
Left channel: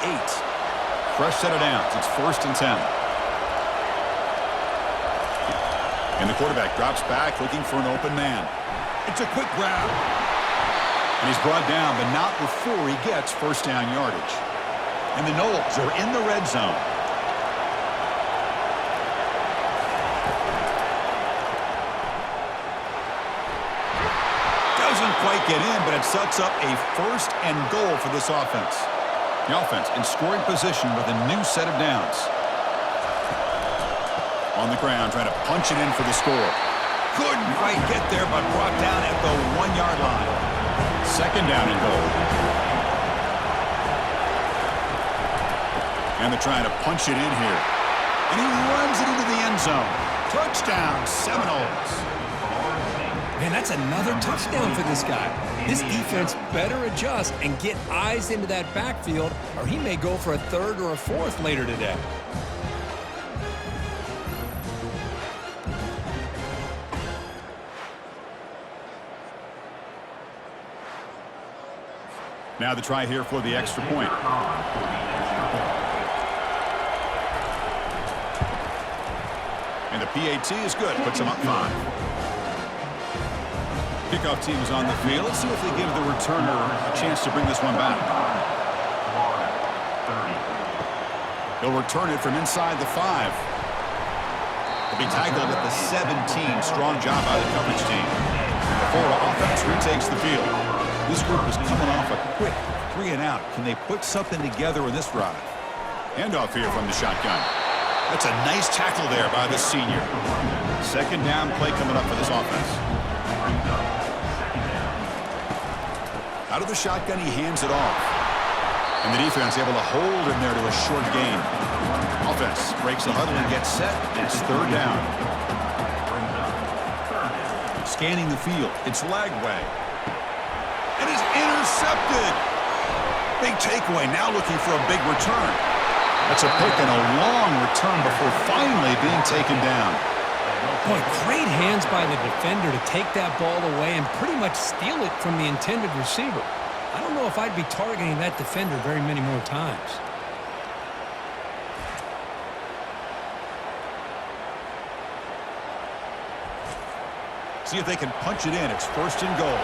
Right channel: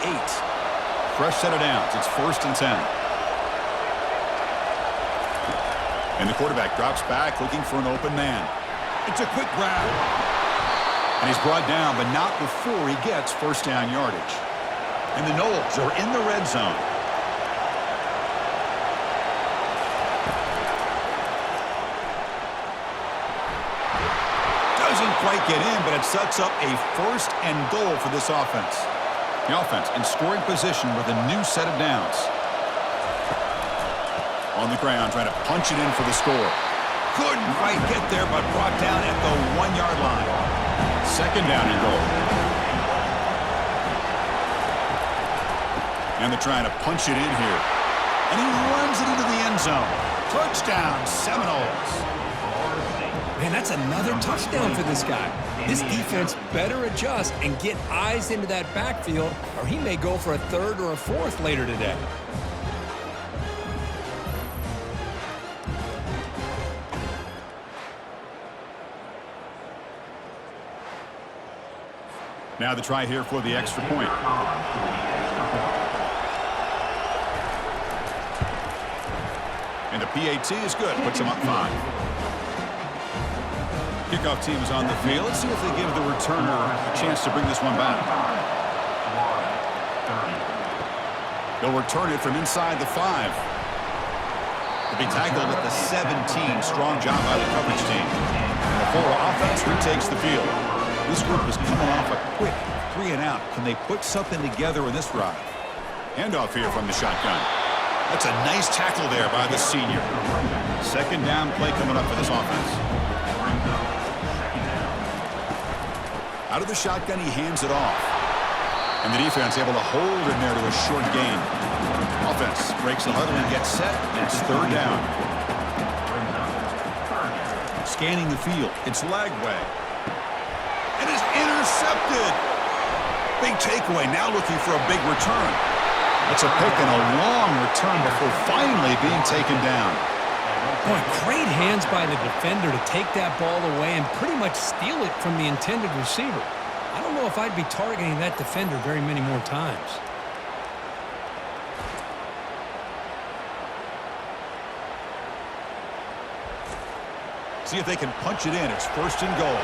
Fresh set of downs. It's 1st and 10. And the quarterback drops back, looking for an open man. It's a quick grab. And he's brought down, but not before he gets first down yardage. And the Noles are in the red zone. Doesn't quite get in, but it sets up a 1st and goal for this offense. The offense in scoring position with a new set of downs. On the ground, trying to punch it in for the score. Couldn't quite get there, but brought down at the 1-yard line. 2nd down and goal. And they're trying to punch it in here. And he runs it into the end zone. Touchdown, Seminoles. Man, that's another touchdown for this guy. This defense better adjust and get eyes into that backfield, or he may go for a 3rd or a 4th later today. Now the try here for the extra point. And the PAT is good. Puts him up 5. Kickoff team is on the field. Let's see if they give the returner a chance to bring this one back. They'll return it from inside the 5. They'll be tackled at the 17. Strong job by the coverage team. And the Florida offense retakes the field. This group is coming off a quick 3-and-out. Can they put something together in this drive? Handoff here from the shotgun. That's a nice tackle there by the senior. 2nd down play coming up for this offense. Out of the shotgun, he hands it off. And the defense able to hold him there to a short gain. Offense breaks the huddle and gets set. It's 3rd down. Scanning the field. It's Lagway. And is intercepted. Big takeaway, now looking for a big return. That's a pick and a long return before finally being taken down. Boy, great hands by the defender to take that ball away and pretty much steal it from the intended receiver. I don't know if I'd be targeting that defender very many more times. See if they can punch it in. It's 1st and goal.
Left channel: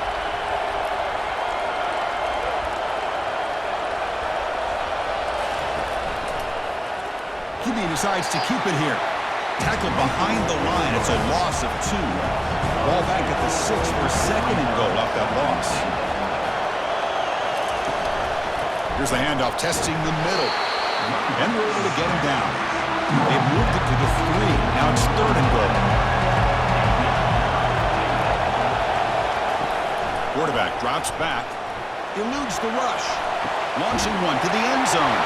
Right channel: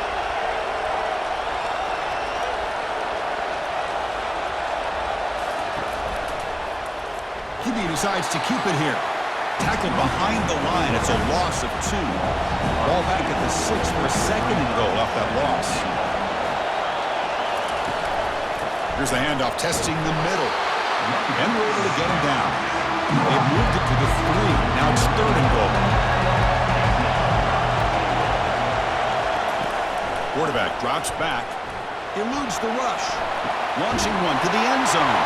QB decides to keep it here. Tackled behind the line. It's a loss of 2. Ball back at the 6 for a 2nd and goal off that loss. Here's the handoff, testing the middle. And we're able to get him down. They've moved it to the 3. Now it's 3rd and goal. Quarterback drops back. Eludes the rush. Launching one to the end zone.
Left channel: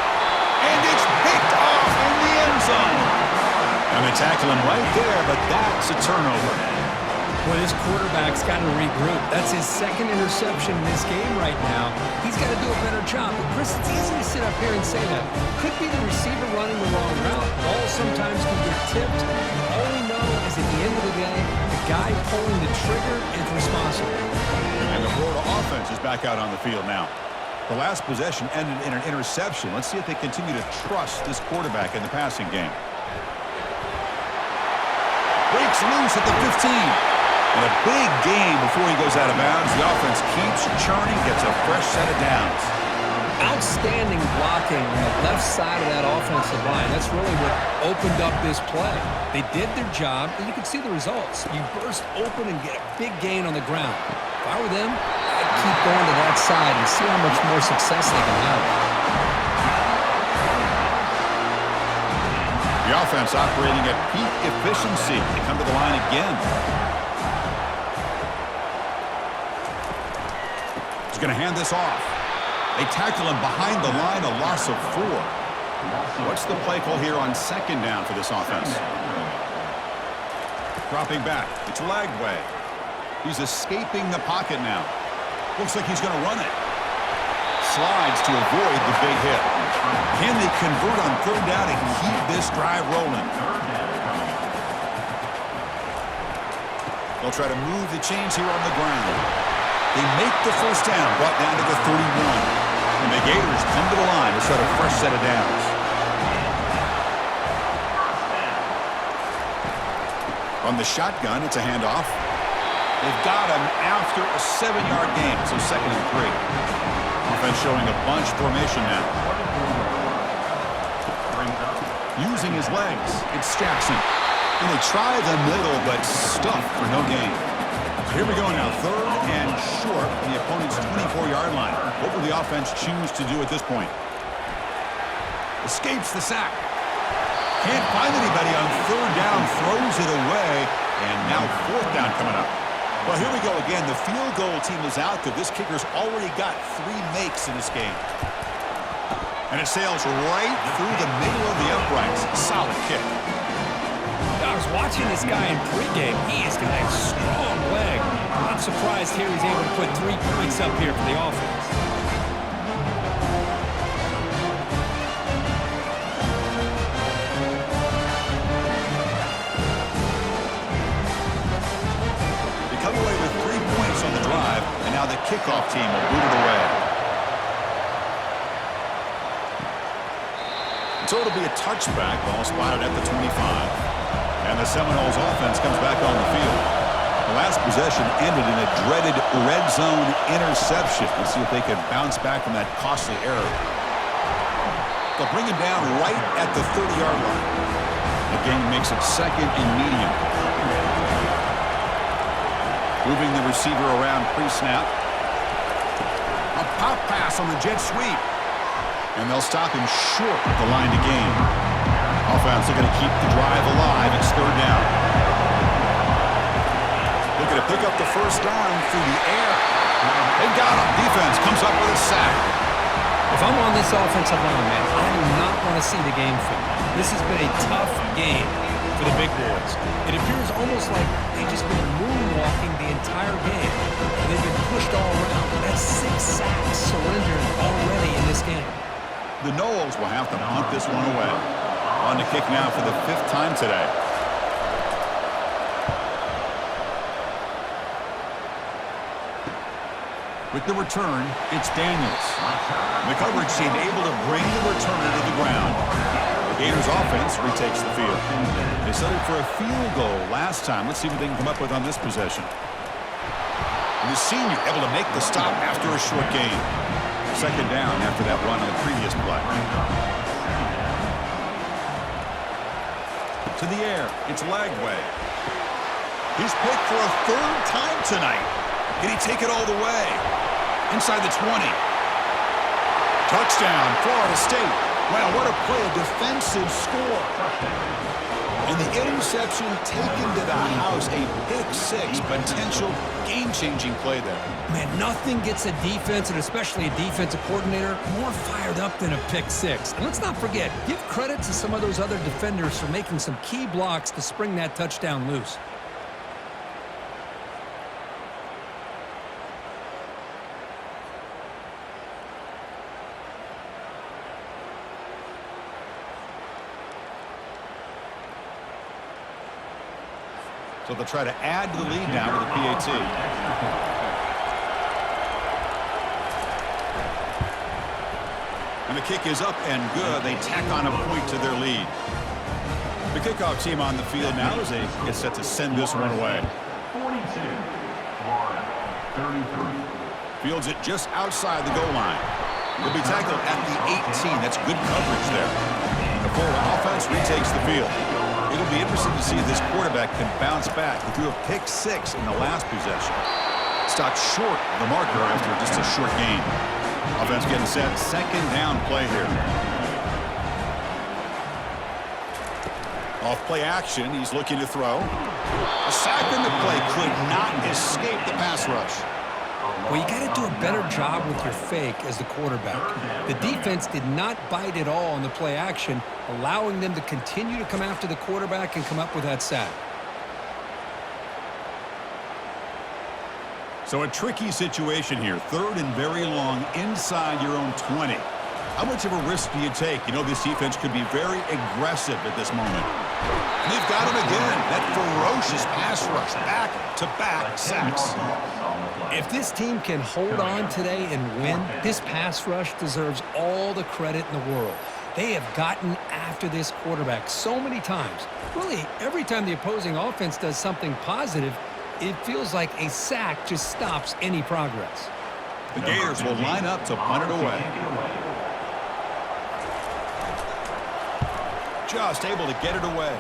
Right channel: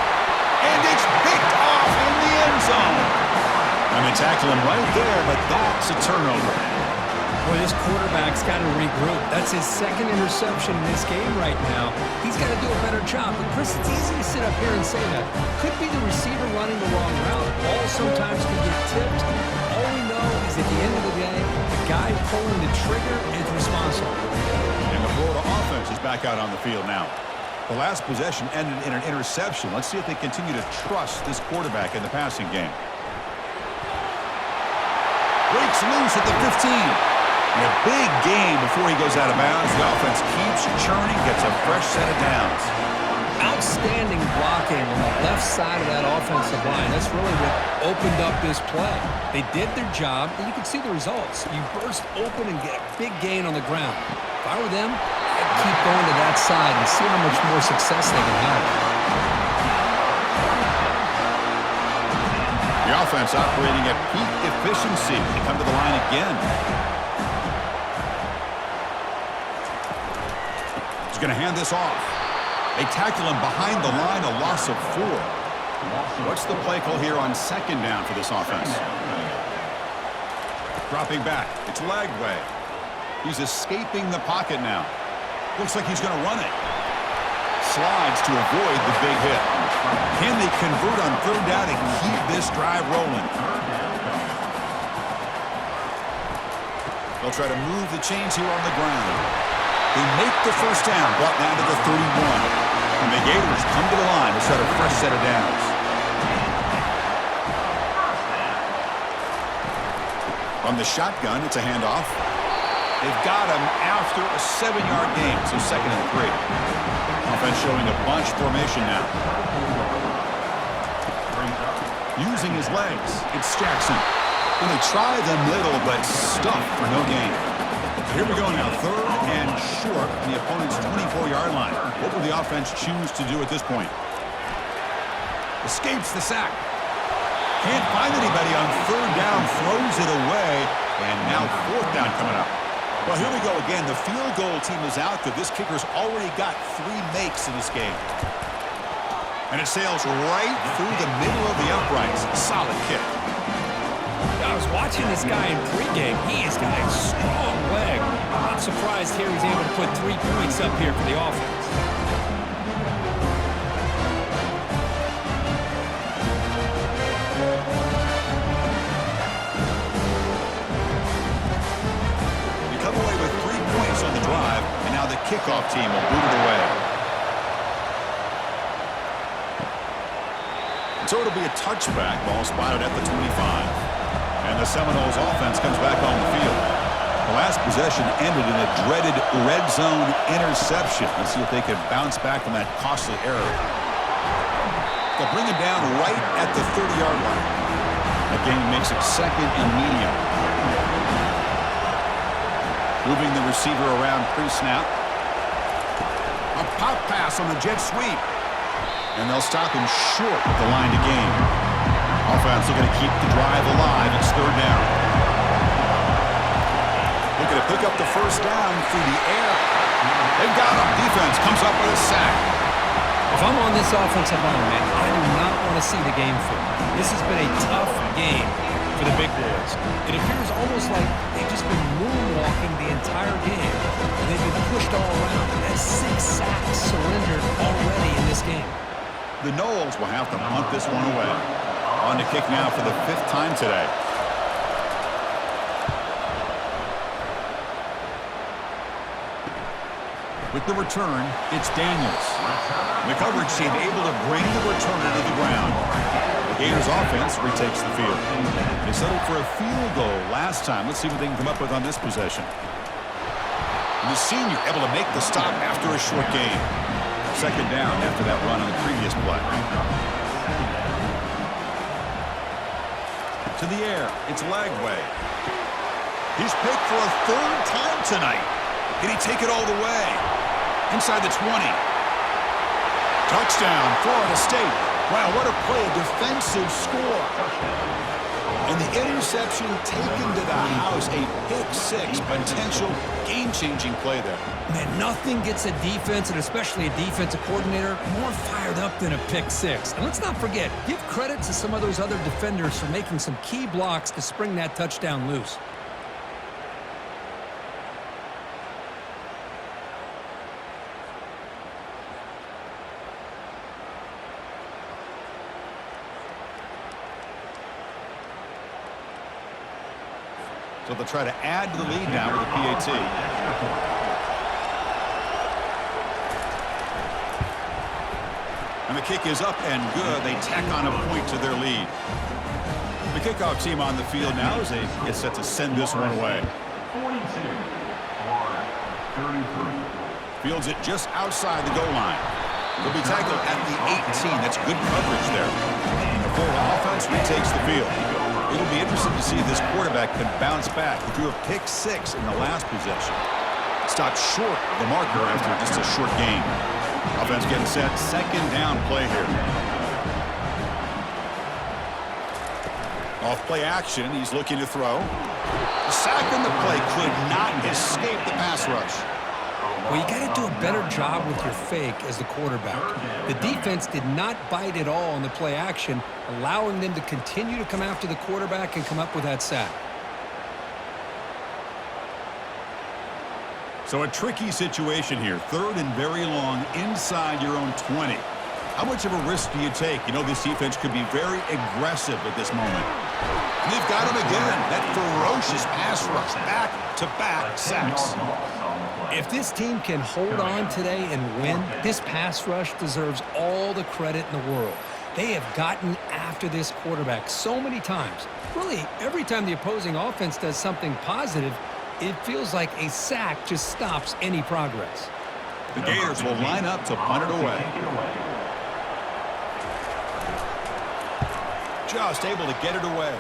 And it's picked off in the end zone. And they tackle him right there, but that's a turnover. Boy, this quarterback's got to regroup. That's his 2nd interception in this game right now. He's got to do a better job. But, Chris, it's easy to sit up here and say that. Could be the receiver running the wrong route. Ball sometimes can get tipped. All we know is at the end of the day, the guy pulling the trigger is responsible. And the Florida offense is back out on the field now. The last possession ended in an interception. Let's see if they continue to trust this quarterback in the passing game. Breaks loose at the 15. And a big gain before he goes out of bounds. The offense keeps churning, gets a fresh set of downs. Outstanding blocking on the left side of that offensive line. That's really what opened up this play. They did their job, and you can see the results. You burst open and get a big gain on the ground. If I were them, I'd keep going to that side and see how much more success they can have. The offense operating at peak efficiency. They come to the line again. He's going to hand this off. They tackle him behind the line, a loss of 4. What's the play call here on 2nd down for this offense? Dropping back. It's Lagway. He's escaping the pocket now. Looks like he's going to run it. Slides to avoid the big hit. Can they convert on third down and keep this drive rolling? They'll try to move the chains here on the ground. They make the first down, brought down to the 31. And the Gators come to the line to set a fresh set of downs. On the shotgun, it's a handoff. They've got him after a 7-yard gain, so 2nd and 3. Offense showing a bunch formation now. Using his legs, it's Jackson. And they try the middle, but stuffed for no gain. So here we go now, 3rd and short from the opponent's 24-yard line. What will the offense choose to do at this point? Escapes the sack. Can't find anybody on 3rd down, throws it away, and now 4th down coming up. Well, here we go again. The field goal team is out there. This kicker's already got 3 makes in this game. And it sails right through the middle of the uprights. Solid kick. I was watching this guy in pregame. He has got a strong leg. Not surprised here he's able to put 3 points up here for the offense. They come away with 3 points on the drive, and now the kickoff team will boot it away. So it'll be a touchback, ball spotted at the 25. And the Seminoles offense comes back on the field. The last possession ended in a dreaded red zone interception. Let's see if they can bounce back from that costly error. They'll bring him down right at the 30-yard line. That gain makes it 2nd and medium. Moving the receiver around pre-snap. A pop pass on the jet sweep. And they'll stop him short of the line to gain. Offense looking to keep the drive alive. It's 3rd down. Looking to pick up the first down through the air. They've got him. Defense comes up with a sack. If I'm on this offensive line, man, I do not want to see the game film. This has been a tough game for the big boys. It appears almost like they've just been moonwalking the entire game, and they've been pushed all around. That's 6 sacks surrendered already in this game. The Noles will have to punt this one away. On to kick now for the 5th time today. With the return, it's Daniels. The coverage team able to bring the returner to the ground. The Gators offense retakes the field. They settled for a field goal last time. Let's see what they can come up with on this possession. And the senior able to make the stop after a short gain. 2nd down after that run on the previous play. To the air, it's Lagway. He's picked for a 3rd time tonight. Can he take it all the way? Inside the 20. Touchdown, Florida State. Wow, what a play, a defensive score. And the interception taken to the house, a pick-6, potential game-changing play there. Man, nothing gets a defense, and especially a defensive coordinator, more fired up than a pick-6. And let's not forget, give credit to some of those other defenders for making some key blocks to spring that touchdown loose. So they'll try to add to the lead now with a PAT. And the kick is up and good. They tack on a point to their lead. The kickoff team on the field now as they get set to send this one away. 42, Florida, 33. Fields it just outside the goal line. They'll be tackled at the 18. That's good coverage there. And the Florida offense retakes the field. It'll be interesting to see if this quarterback can bounce back. He threw a pick-6 in the last possession. Stopped short of the marker after just a short gain. Offense getting set. 2nd down play here. Off play action. He's looking to throw. The sack in the play could not escape the pass rush. Well, you got to do a better job with your fake as the quarterback. The defense did not bite at all on the play action, allowing them to continue to come after the quarterback and come up with that sack. So a tricky situation here. 3rd and very long inside your own 20. How much of a risk do you take? You know, this defense could be very aggressive at this moment. And they've got him again. That ferocious pass rush. Back-to-back sacks. If this team can hold on today and win, this pass rush deserves all the credit in the world. They have gotten after this quarterback so many times. Really, every time the opposing offense does something positive, it feels like a sack just stops any progress. The Gators will line up to punt it away. Just able to get it away.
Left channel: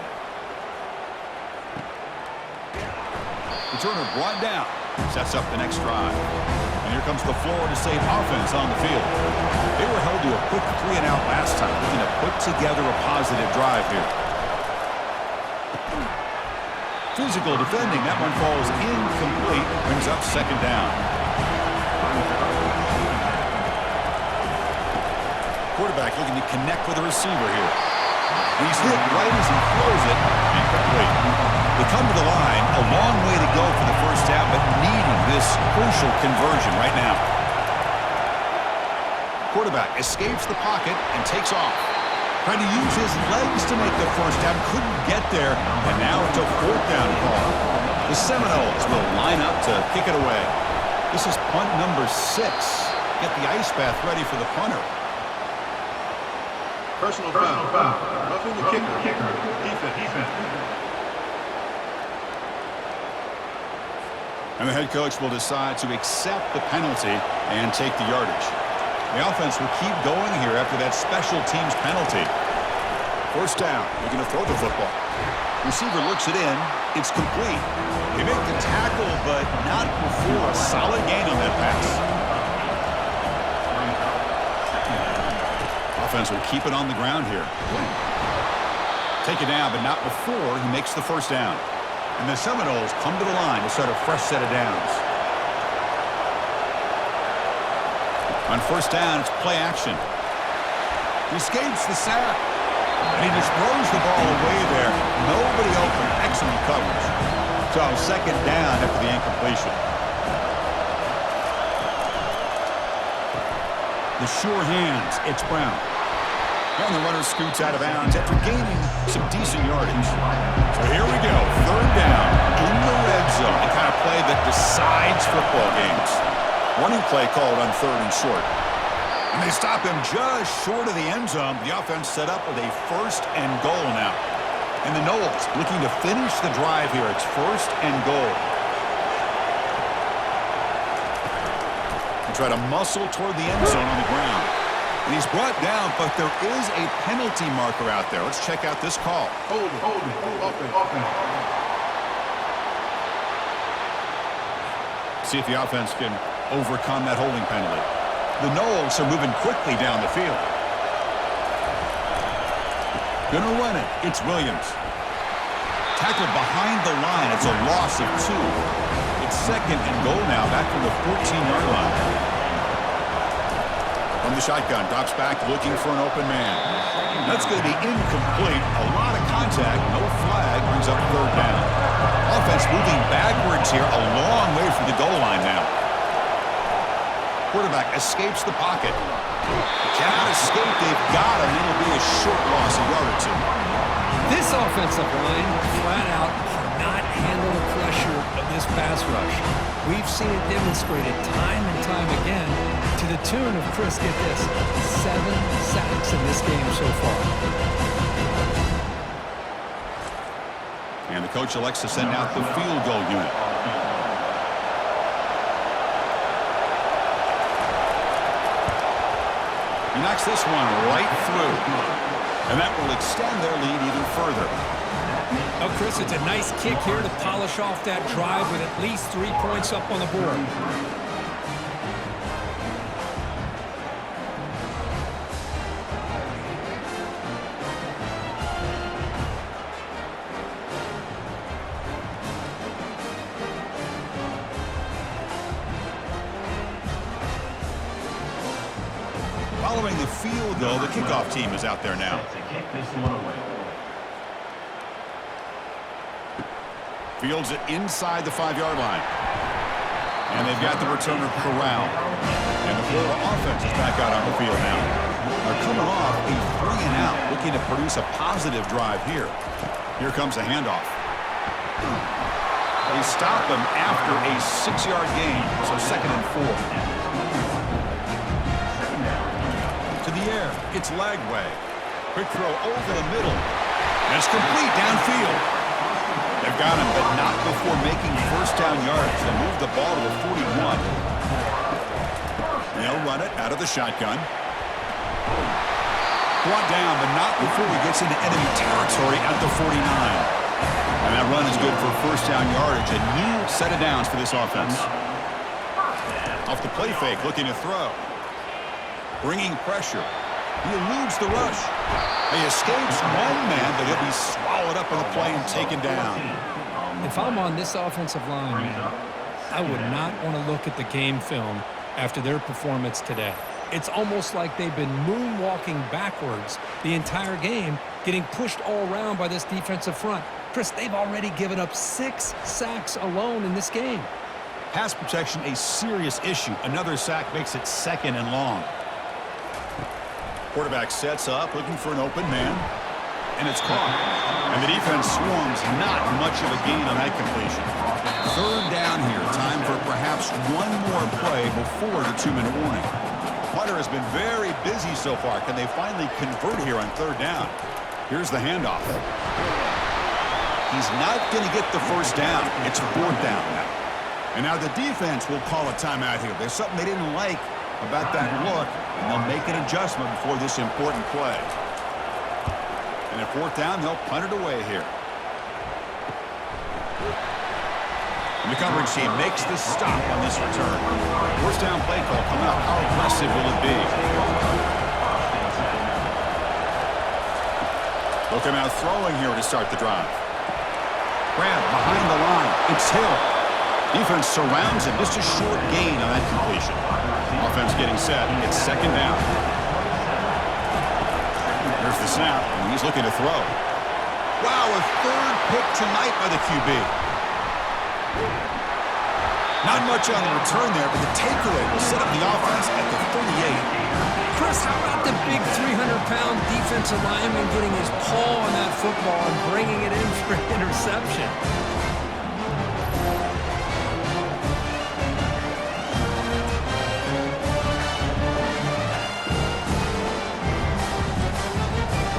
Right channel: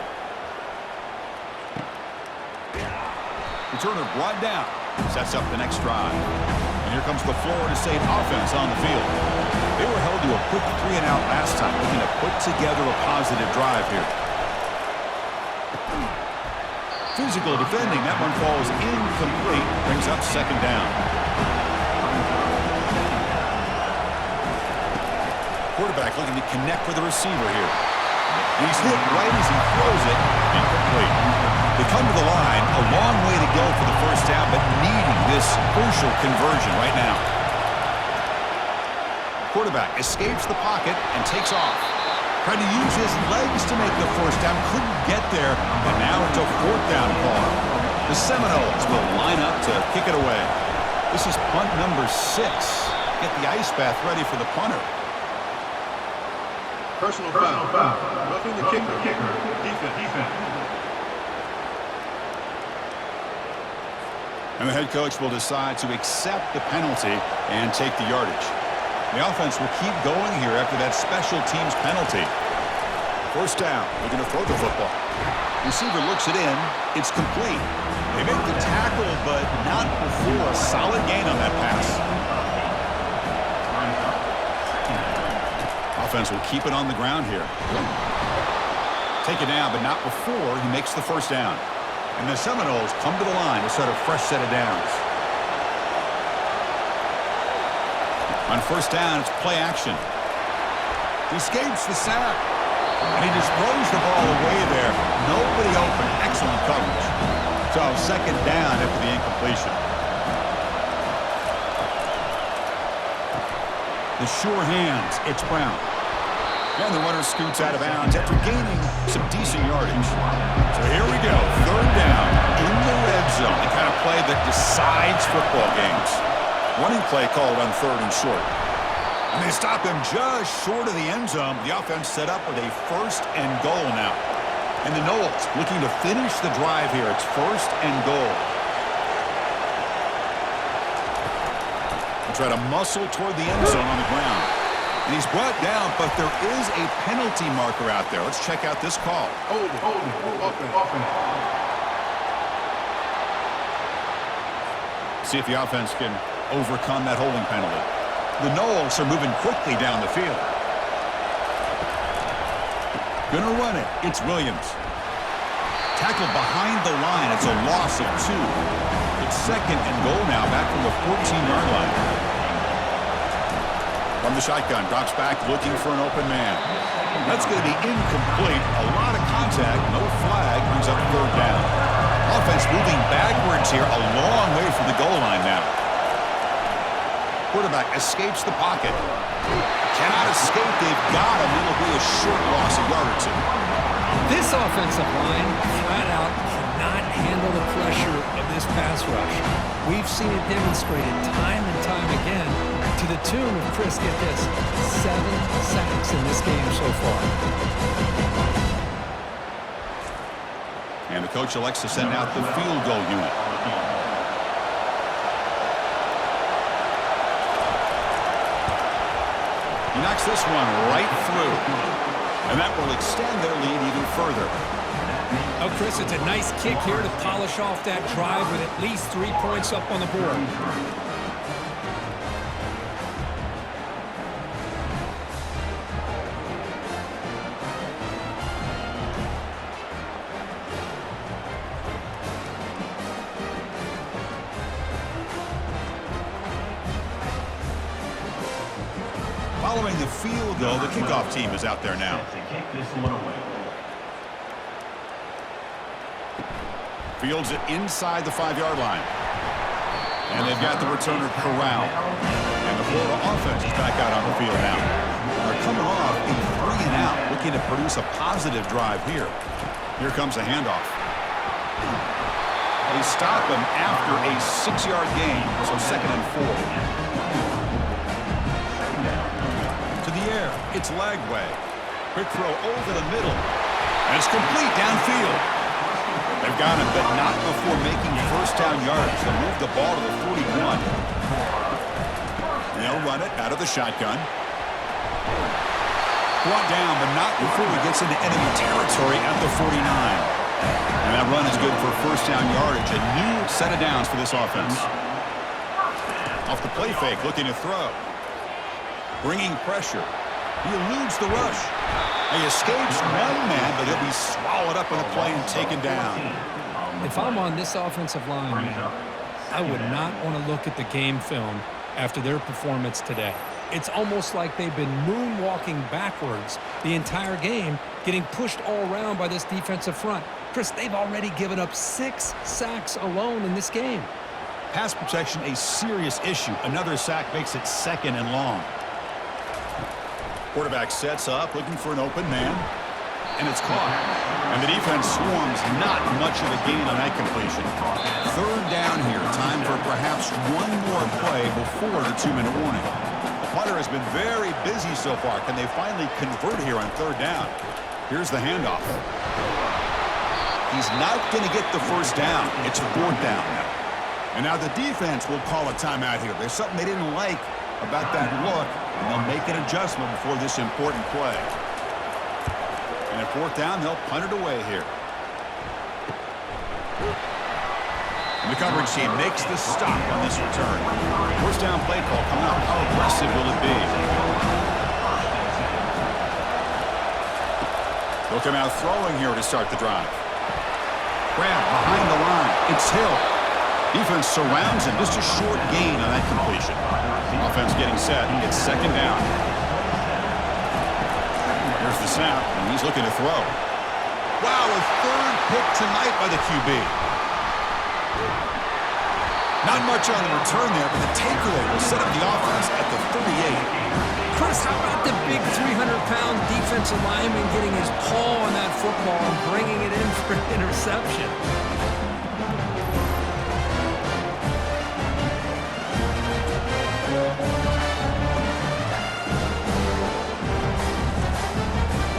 Returner brought down. Sets up the next drive. And here comes the Florida State offense on the field. They were held to a quick 3-and-out last time, looking to put together a positive drive here. Physical defending. That one falls incomplete. Brings up 2nd down. Quarterback looking to connect with the receiver here. And he's hit right as he throws it. Incomplete. They come to the line. A long way to go for the 1st down, but needing this crucial conversion right now. Quarterback escapes the pocket and takes off. Trying to use his legs to make the 1st down. Couldn't get there. And now it's a 4th down call. The Seminoles will line up to kick it away. This is punt number 6. Get the ice bath ready for the punter. Personal foul. Roughing the kicker. Defense. And the head coach will decide to accept the penalty and take the yardage. The offense will keep going here after that special teams penalty. 1st down, looking to throw the football. Receiver looks it in. It's complete. They make the tackle, but not before a solid gain on that pass. Offense will keep it on the ground here. Take it down, but not before he makes the 1st down. And the Seminoles come to the line to start a fresh set of downs. On 1st down, it's play action. He escapes the sack. And he just throws the ball away there. Nobody open. Excellent coverage. So 2nd down after the incompletion. The sure hands. It's Brown. And the runner scoots out of bounds after gaining some decent yardage. So here we go. 3rd down in the red zone. The kind of play that decides football games. Running play called on 3rd and short. And they stop him just short of the end zone. The offense set up with a 1st and goal now. And the Noles looking to finish the drive here. It's 1st and goal. They try to muscle toward the end zone on the ground. And he's brought down, but there is a penalty marker out there. Let's check out this call. Hold it. Offense. See if the offense can overcome that holding penalty. The Noles are moving quickly down the field. Gonna run it. It's Williams. Tackled behind the line. It's a loss of 2. It's 2nd and goal now, back from the 14-yard line. From the shotgun, drops back looking for an open man. That's going to be incomplete. A lot of contact, no flag, brings up 3rd down. Offense moving backwards here, a long way from the goal line now. Quarterback escapes the pocket. Cannot escape, they've got him. It'll be a short loss, a yard or 2. This offensive line flat out cannot handle the pressure of this pass rush. We've seen it demonstrated time and time again to the tune of, Chris, get this, 7 sacks in this game so far. And the coach elects to send out the field goal unit. He knocks this one right through. And that will extend their lead even further. Oh, Chris, it's a nice kick here to polish off that drive with at least 3 points up on the board. Following the field goal, the kickoff team is out there now. Fields it inside the 5-yard line. And they've got the returner corralled. And the Florida offense is back out on the field now. They're coming off a 3-and-out, looking to produce a positive drive here. Here comes a handoff. They stop him after a 6-yard gain, so 2nd and 4. To the air, it's Lagway. Quick throw over the middle, and it's complete downfield. They've got him, but not before making first down yards. They'll move the ball to the 41. They'll run it out of the shotgun. Brought down, but not before he gets into enemy territory at the 49. And that run is good for first down yardage. A new set of downs for this offense. Off the play fake, looking to throw. Bringing pressure. He eludes the rush. He escapes one man, but he'll be swallowed up in the play and taken down. If I'm on this offensive line, man, I would not want to look at the game film after their performance today. It's almost like they've been moonwalking backwards the entire game, getting pushed all around by this defensive front. Chris, they've already given up 6 sacks alone in this game. Pass protection, a serious issue. Another sack makes it 2nd and long. Quarterback sets up, looking for an open man, and it's caught. And the defense swarms, not much of a gain on that completion. 3rd down here, time for perhaps one more play before the 2-minute warning. The punter has been very busy so far. Can they finally convert here on 3rd down? Here's the handoff. He's not going to get the first down. It's 4th down now. And now the defense will call a timeout here. There's something they didn't like about that look, and they'll make an adjustment before this important play. And at 4th down, they'll punt it away here. And the coverage team makes the stop on this return. First down play call coming up. How aggressive will it be? They'll come out throwing here to start the drive. Grab behind the line. It's Hill. Defense surrounds him. Just a short gain on that completion. Offense getting set. It's 2nd down. Here's the snap, and he's looking to throw. Wow, a 3rd pick tonight by the QB. Not much on the return there, but the takeaway will set up the offense at the 38. Chris, how about the big 300-pound defensive lineman getting his paw on that football and bringing it in for an interception?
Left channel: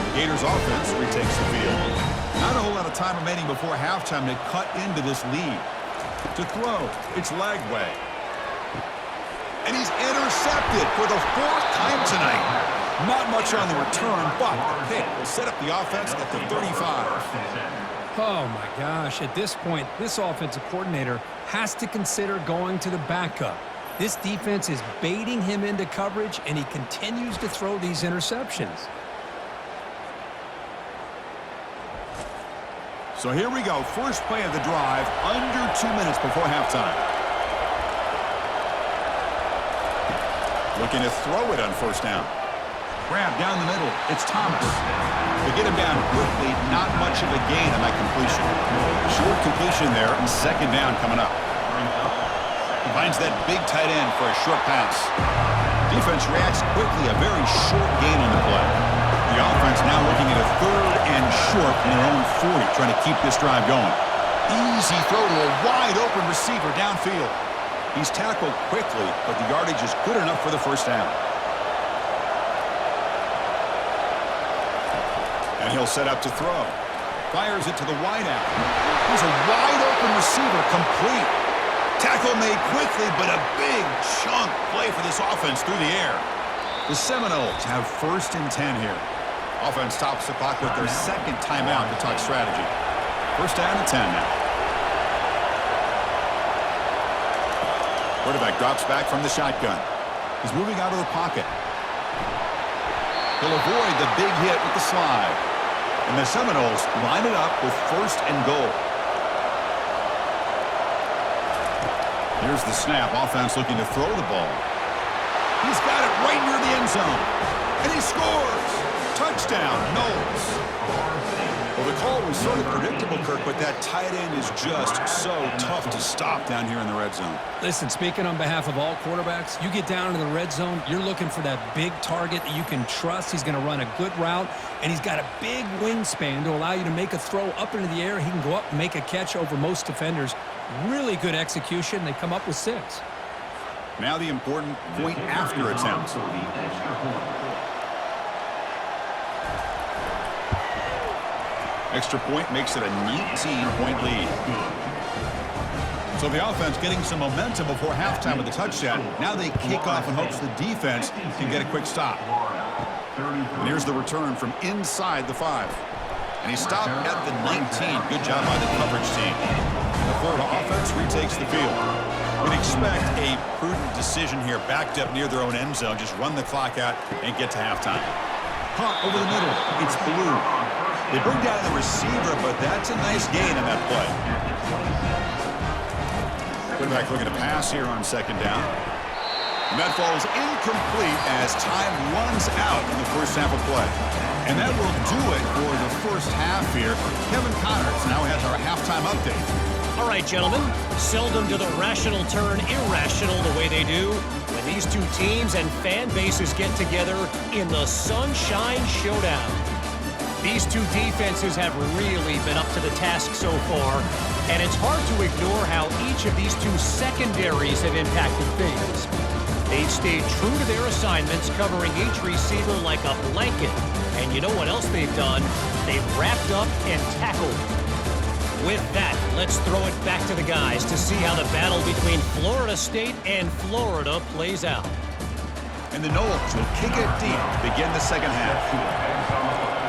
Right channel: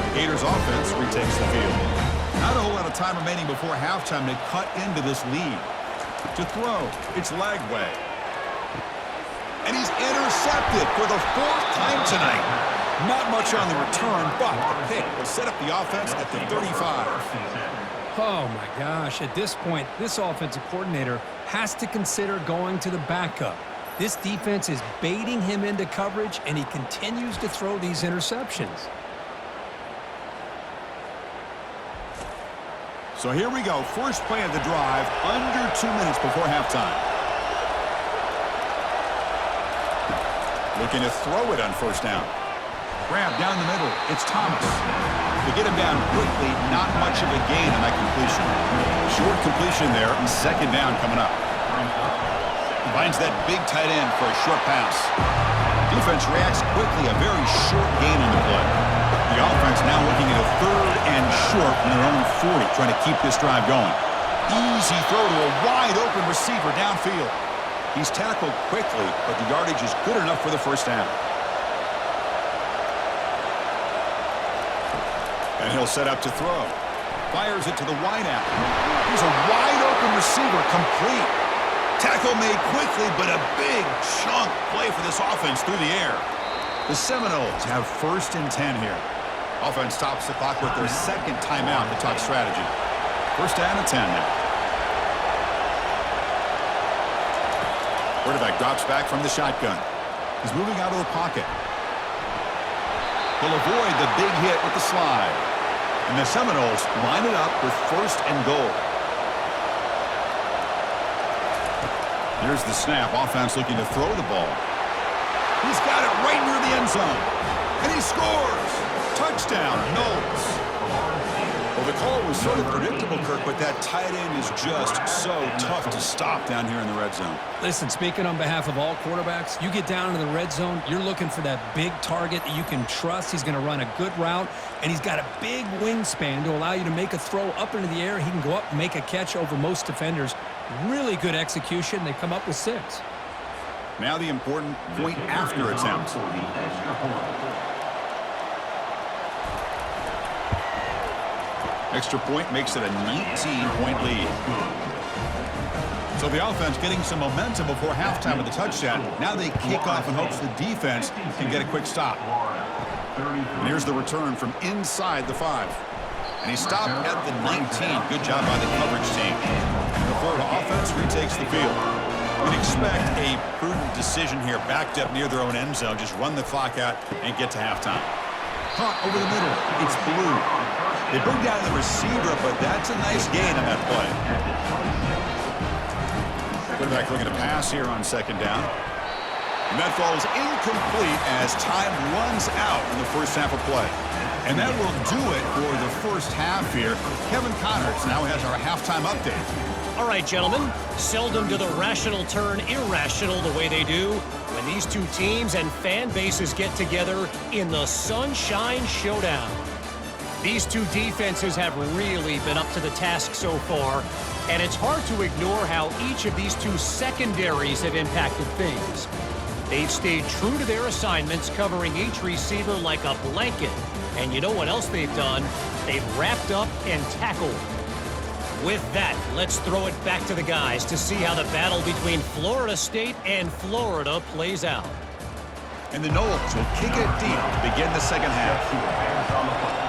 The Gators offense retakes the field. Not a whole lot of time remaining before halftime to cut into this lead. To throw, it's Lagway. And he's intercepted for the 4th time tonight. Not much on the return, but the pick will set up the offense at the 35. Oh, my gosh. At this point, this offensive coordinator has to consider going to the backup. This defense is baiting him into coverage, and he continues to throw these interceptions. So here we go. First play of the drive, under 2 minutes before halftime. Looking to throw it on 1st down. Grab down the middle. It's Thomas. To get him down quickly, not much of a gain on that completion. Short completion there, and 2nd down coming up. Finds that big tight end for a short pass. Defense reacts quickly, a very short gain on the play. The offense now looking at a 3rd and short from their own 40, trying to keep this drive going. Easy throw to a wide-open receiver downfield. He's tackled quickly, but the yardage is good enough for the first down. And he'll set up to throw. Fires it to the wideout. Here's a wide-open receiver, complete. Tackle made quickly, but a big chunk play for this offense through the air. The Seminoles have 1st and 10 here. Offense stops the clock with their 2nd timeout to talk strategy. 1st down and 10 now. Quarterback drops back from the shotgun. He's moving out of the pocket. He'll avoid the big hit with the slide. And the Seminoles line it up with 1st and goal. Here's the snap. Offense looking to throw the ball. He's got it right near the end zone. And he scores. Touchdown, Knowles. Well, the call was sort of predictable, Kirk, but that tight end is just so tough to stop down here in the red zone. Listen, speaking on behalf of all quarterbacks, you get down in the red zone, you're looking for that big target that you can trust. He's going to run a good route, and he's got a big wingspan to allow you to make a throw up into the air. He can go up and make a catch over most defenders. Really good execution. They come up with 6. Now the important point after attempt. Extra point makes it a 19-point lead. So the offense getting some momentum before halftime with the touchdown. Now they kick off in hopes the defense can get a quick stop. And here's the return from inside the 5. And he stopped at the 19. Good job by the coverage team. And the Florida offense retakes the field. We'd expect a prudent decision here, backed up near their own end zone. Just run the clock out and get to halftime. Caught over the middle. It's Blue. They bring down the receiver, but that's a nice gain on that play. Quarterback looking to pass here on second down. And that falls incomplete as time runs out in the first half of play. And that will do it for the first half here. Kevin Connors now has our halftime update. All right, gentlemen, seldom do the rational turn irrational the way they do when these two teams and fan bases get together in the Sunshine Showdown. These two defenses have really been up to the task so far, and it's hard to ignore how each of these two secondaries have impacted things. They've stayed true to their assignments, covering each receiver like a blanket. And you know what else they've done? They've wrapped up and tackled. With that, let's throw it back to the guys to see how the battle between Florida State and Florida plays out. And the Noles will kick it deep to begin the second half.